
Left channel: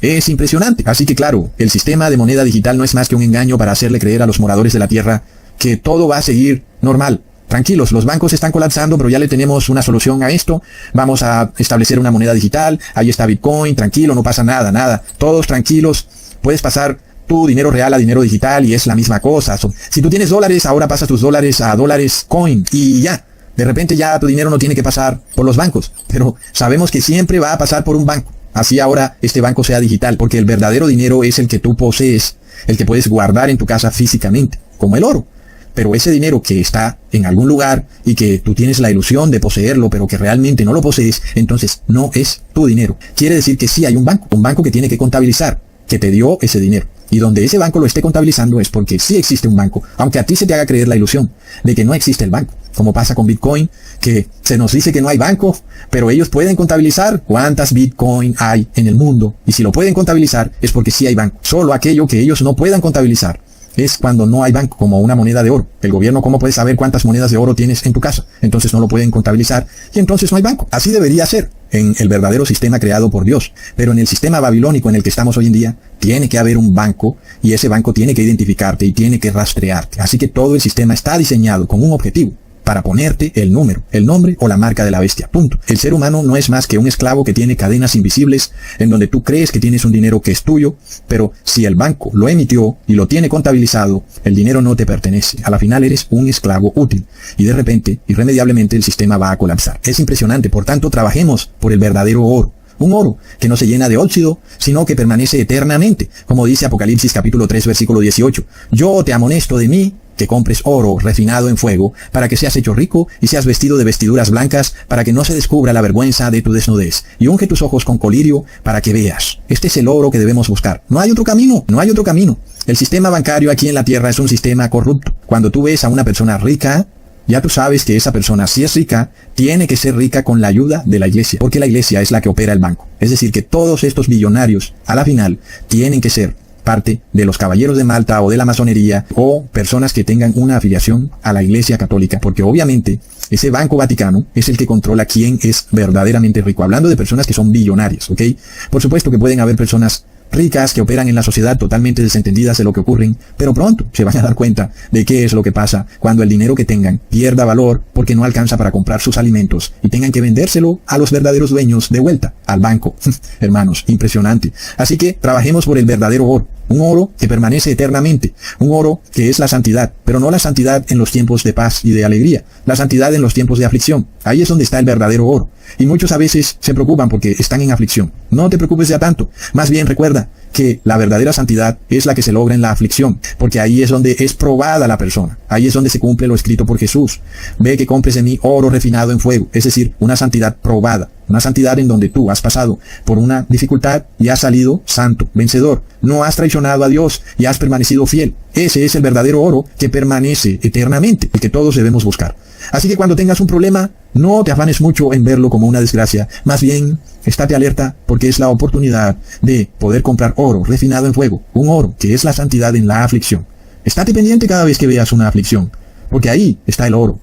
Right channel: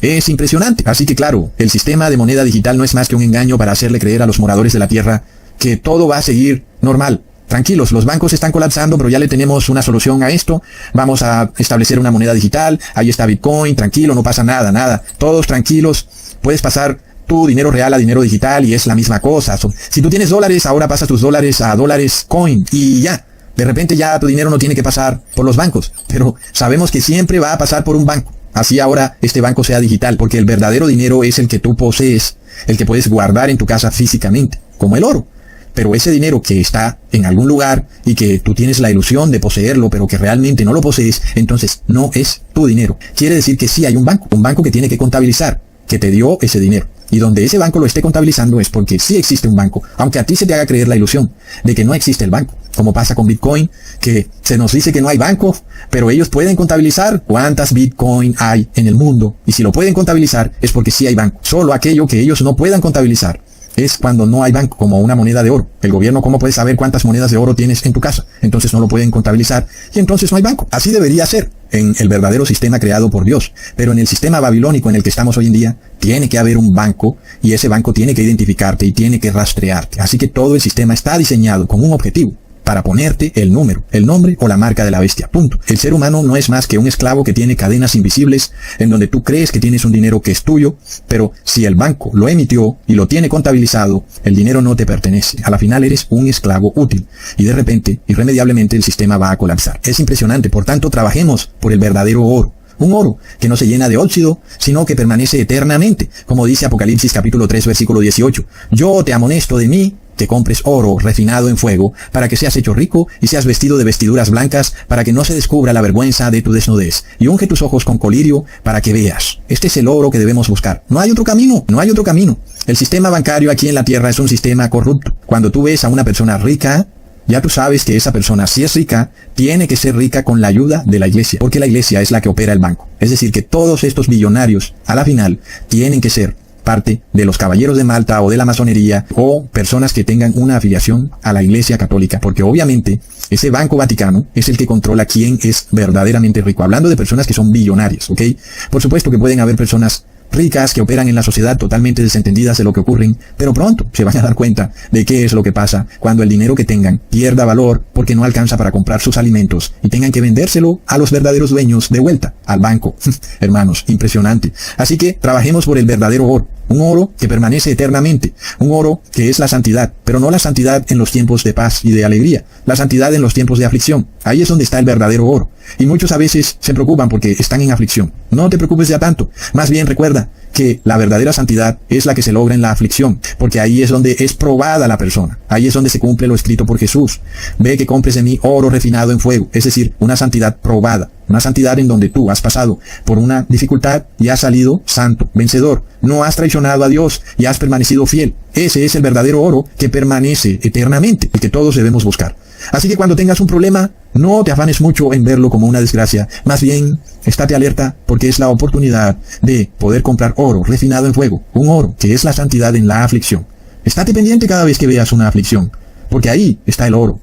Es impresionante. Así que claro, el sistema de moneda digital no es más que un engaño para hacerle creer a los moradores de la tierra que todo va a seguir normal. Tranquilos, los bancos están colapsando, pero ya le tenemos una solución a esto. Vamos a establecer una moneda digital. Ahí está Bitcoin, tranquilo, no pasa nada. Todos tranquilos. Puedes pasar tu dinero real a dinero digital y es la misma cosa. Si tú tienes dólares, ahora pasas tus dólares a dólares coin y ya. De repente ya tu dinero no tiene que pasar por los bancos. Pero sabemos que siempre va a pasar por un banco. Así ahora este banco sea digital, porque el verdadero dinero es el que tú posees, el que puedes guardar en tu casa físicamente. como el oro. Pero ese dinero que está en algún lugar y que tú tienes la ilusión de poseerlo, pero que realmente no lo posees, entonces no es tu dinero. Quiere decir que sí hay un banco que tiene que contabilizar, que te dio ese dinero. Y donde ese banco lo esté contabilizando es porque sí existe un banco, aunque a ti se te haga creer la ilusión de que no existe el banco. Como pasa con Bitcoin, que se nos dice que no hay banco, pero ellos pueden contabilizar cuántas Bitcoin hay en el mundo. Y si lo pueden contabilizar es porque sí hay banco. Solo aquello que ellos no puedan contabilizar es cuando no hay banco, como una moneda de oro. El gobierno, ¿cómo puede saber cuántas monedas de oro tienes en tu casa? Entonces no lo pueden contabilizar y entonces no hay banco. Así debería ser en el verdadero sistema creado por Dios. Pero en el sistema babilónico en el que estamos hoy en día, tiene que haber un banco y ese banco tiene que identificarte y tiene que rastrearte. Así que todo el sistema está diseñado con un objetivo: para ponerte el número, el nombre o la marca de la bestia. Punto. El ser humano no es más que un esclavo que tiene cadenas invisibles en donde tú crees que tienes un dinero que es tuyo, pero si el banco lo emitió y lo tiene contabilizado, el dinero no te pertenece. A la final eres un esclavo útil y de repente, irremediablemente, el sistema va a colapsar. Es impresionante. Por tanto, trabajemos por el verdadero oro. Un oro que no se llena de óxido, sino que permanece eternamente. Como dice Apocalipsis capítulo 3, versículo 18. Yo te amonesto de mí que compres oro refinado en fuego, para que seas hecho rico y seas vestido de vestiduras blancas, para que no se descubra la vergüenza de tu desnudez. Y unge tus ojos con colirio para que veas. Este es el oro que debemos buscar. No hay otro camino, no hay otro camino. El sistema bancario aquí en la tierra es un sistema corrupto. Cuando tú ves a una persona rica, ya tú sabes que esa persona, si es rica, tiene que ser rica con la ayuda de la iglesia, porque la iglesia es la que opera el banco. Es decir, que todos estos billonarios, a la final, tienen que ser parte de los caballeros de Malta o de la masonería o personas que tengan una afiliación a la iglesia católica, porque obviamente ese Banco Vaticano es el que controla quién es verdaderamente rico, hablando de personas que son billonarias, ¿ok? Por supuesto que pueden haber personas ricas que operan en la sociedad totalmente desentendidas de lo que ocurre, pero pronto se van a dar cuenta de qué es lo que pasa cuando el dinero que tengan pierda valor porque no alcanza para comprar sus alimentos y tengan que vendérselo a los verdaderos dueños de vuelta, al banco. Hermanos, impresionante. Así que trabajemos por el verdadero oro, un oro que permanece eternamente, un oro que es la santidad, pero no la santidad en los tiempos de paz y de alegría, la santidad en los tiempos de aflicción. Ahí es donde está el verdadero oro. Y muchos a veces se preocupan porque están en aflicción. No te preocupes ya tanto. Más bien recuerda que la verdadera santidad es la que se logra en la aflicción, porque ahí es donde es probada la persona. Ahí es donde se cumple lo escrito por Jesús. Ve que compres de mí oro refinado en fuego. Es decir, una santidad probada. Una santidad en donde tú has pasado por una dificultad y has salido santo, vencedor. No has traicionado a Dios y has permanecido fiel. Ese es el verdadero oro que permanece eternamente, el que todos debemos buscar. Así que cuando tengas un problema, no te afanes mucho en verlo como una desgracia. Más bien, estate alerta porque es la oportunidad de poder comprar oro refinado en fuego. Un oro que es la santidad en la aflicción. Estate pendiente cada vez que veas una aflicción, porque ahí está el oro.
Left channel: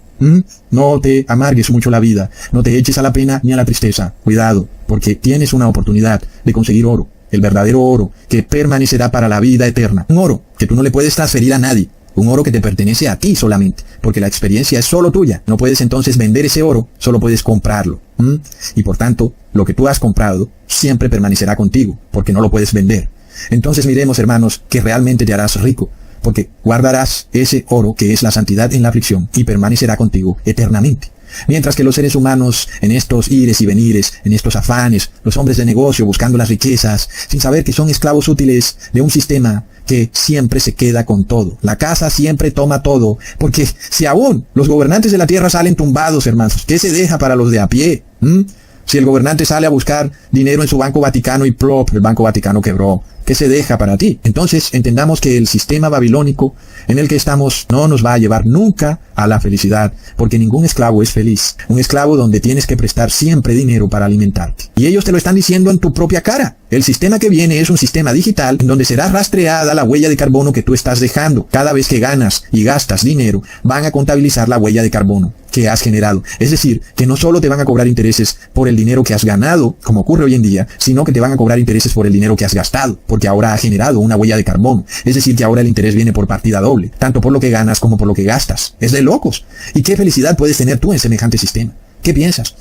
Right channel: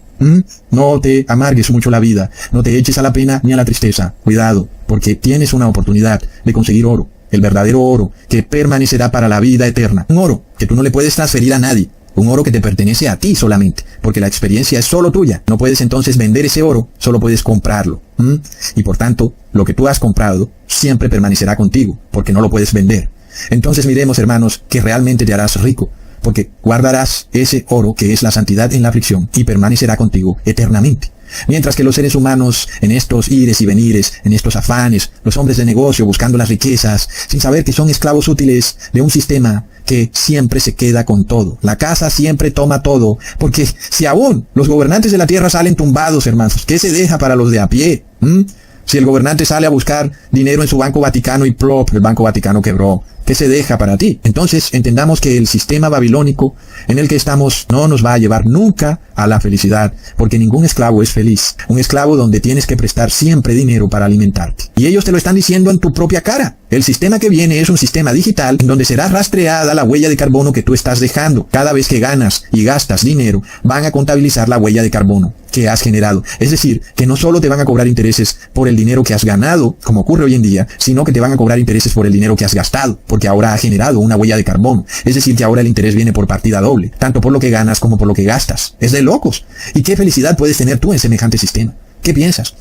No te amargues mucho la vida, no te eches a la pena ni a la tristeza. Cuidado, porque tienes una oportunidad de conseguir oro. El verdadero oro que permanecerá para la vida eterna. Un oro que tú no le puedes transferir a nadie. Un oro que te pertenece a ti solamente, porque la experiencia es solo tuya. No puedes entonces vender ese oro, solo puedes comprarlo. Y por tanto, lo que tú has comprado siempre permanecerá contigo, porque no lo puedes vender. Entonces miremos, hermanos, que realmente te harás rico, porque guardarás ese oro que es la santidad en la aflicción y permanecerá contigo eternamente. Mientras que los seres humanos, en estos ires y venires, en estos afanes, los hombres de negocio buscando las riquezas, sin saber que son esclavos útiles de un sistema que siempre se queda con todo. La casa siempre toma todo, porque si aún los gobernantes de la tierra salen tumbados, hermanos, ¿qué se deja para los de a pie? Si el gobernante sale a buscar dinero en su Banco Vaticano y plop, el Banco Vaticano quebró, ¿qué se deja para ti? Entonces entendamos que el sistema babilónico en el que estamos no nos va a llevar nunca a la felicidad, porque ningún esclavo es feliz. Un esclavo donde tienes que prestar siempre dinero para alimentarte. Y ellos te lo están diciendo en tu propia cara. El sistema que viene es un sistema digital donde será rastreada la huella de carbono que tú estás dejando. Cada vez que ganas y gastas dinero, van a contabilizar la huella de carbono que has generado. Es decir, que no solo te van a cobrar intereses por el dinero que has ganado, como ocurre hoy en día, sino que te van a cobrar intereses por el dinero que has gastado, porque ahora ha generado una huella de carbono. Es decir, que ahora el interés viene por partida doble, tanto por lo que ganas como por lo que gastas. Es de locos. ¿Y qué felicidad puedes tener tú en semejante sistema? ¿Qué piensas?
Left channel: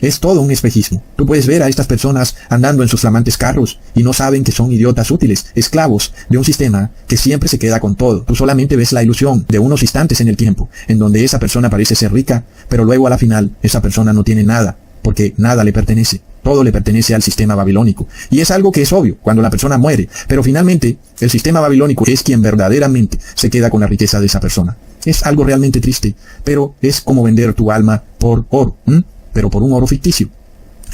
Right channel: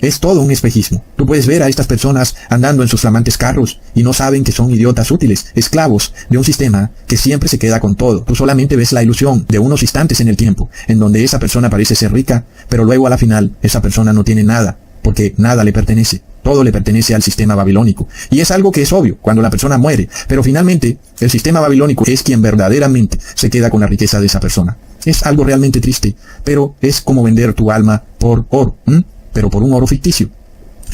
Es todo un espejismo. Tú puedes ver a estas personas andando en sus flamantes carros y no saben que son idiotas útiles, esclavos de un sistema que siempre se queda con todo. Tú solamente ves la ilusión de unos instantes en el tiempo, en donde esa persona parece ser rica, pero luego a la final esa persona no tiene nada, porque nada le pertenece. Todo le pertenece al sistema babilónico. Y es algo que es obvio cuando la persona muere. Pero finalmente, el sistema babilónico es quien verdaderamente se queda con la riqueza de esa persona. Es algo realmente triste, pero es como vender tu alma por oro, pero por un oro ficticio.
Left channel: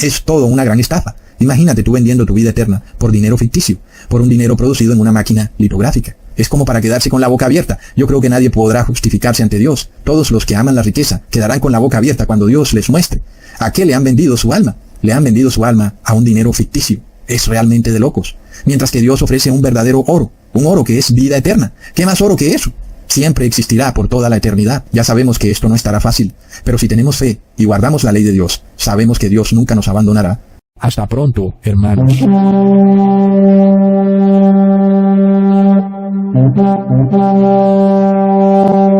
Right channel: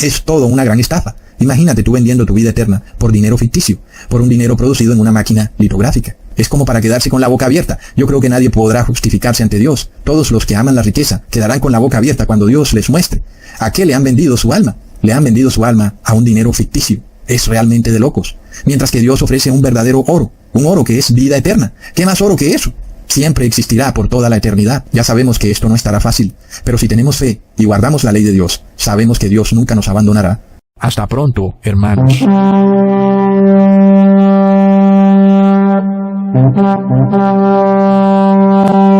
Es todo una gran estafa. Imagínate tú vendiendo tu vida eterna por dinero ficticio, por un dinero producido en una máquina litográfica. Es como para quedarse con la boca abierta. Yo creo que nadie podrá justificarse ante Dios. Todos los que aman la riqueza quedarán con la boca abierta cuando Dios les muestre. ¿A qué le han vendido su alma? Le han vendido su alma a un dinero ficticio. Es realmente de locos. Mientras que Dios ofrece un verdadero oro. Un oro que es vida eterna. ¿Qué más oro que eso? Siempre existirá por toda la eternidad. Ya sabemos que esto no estará fácil. Pero si tenemos fe y guardamos la ley de Dios, sabemos que Dios nunca nos abandonará. Hasta pronto, hermanos. Thank you.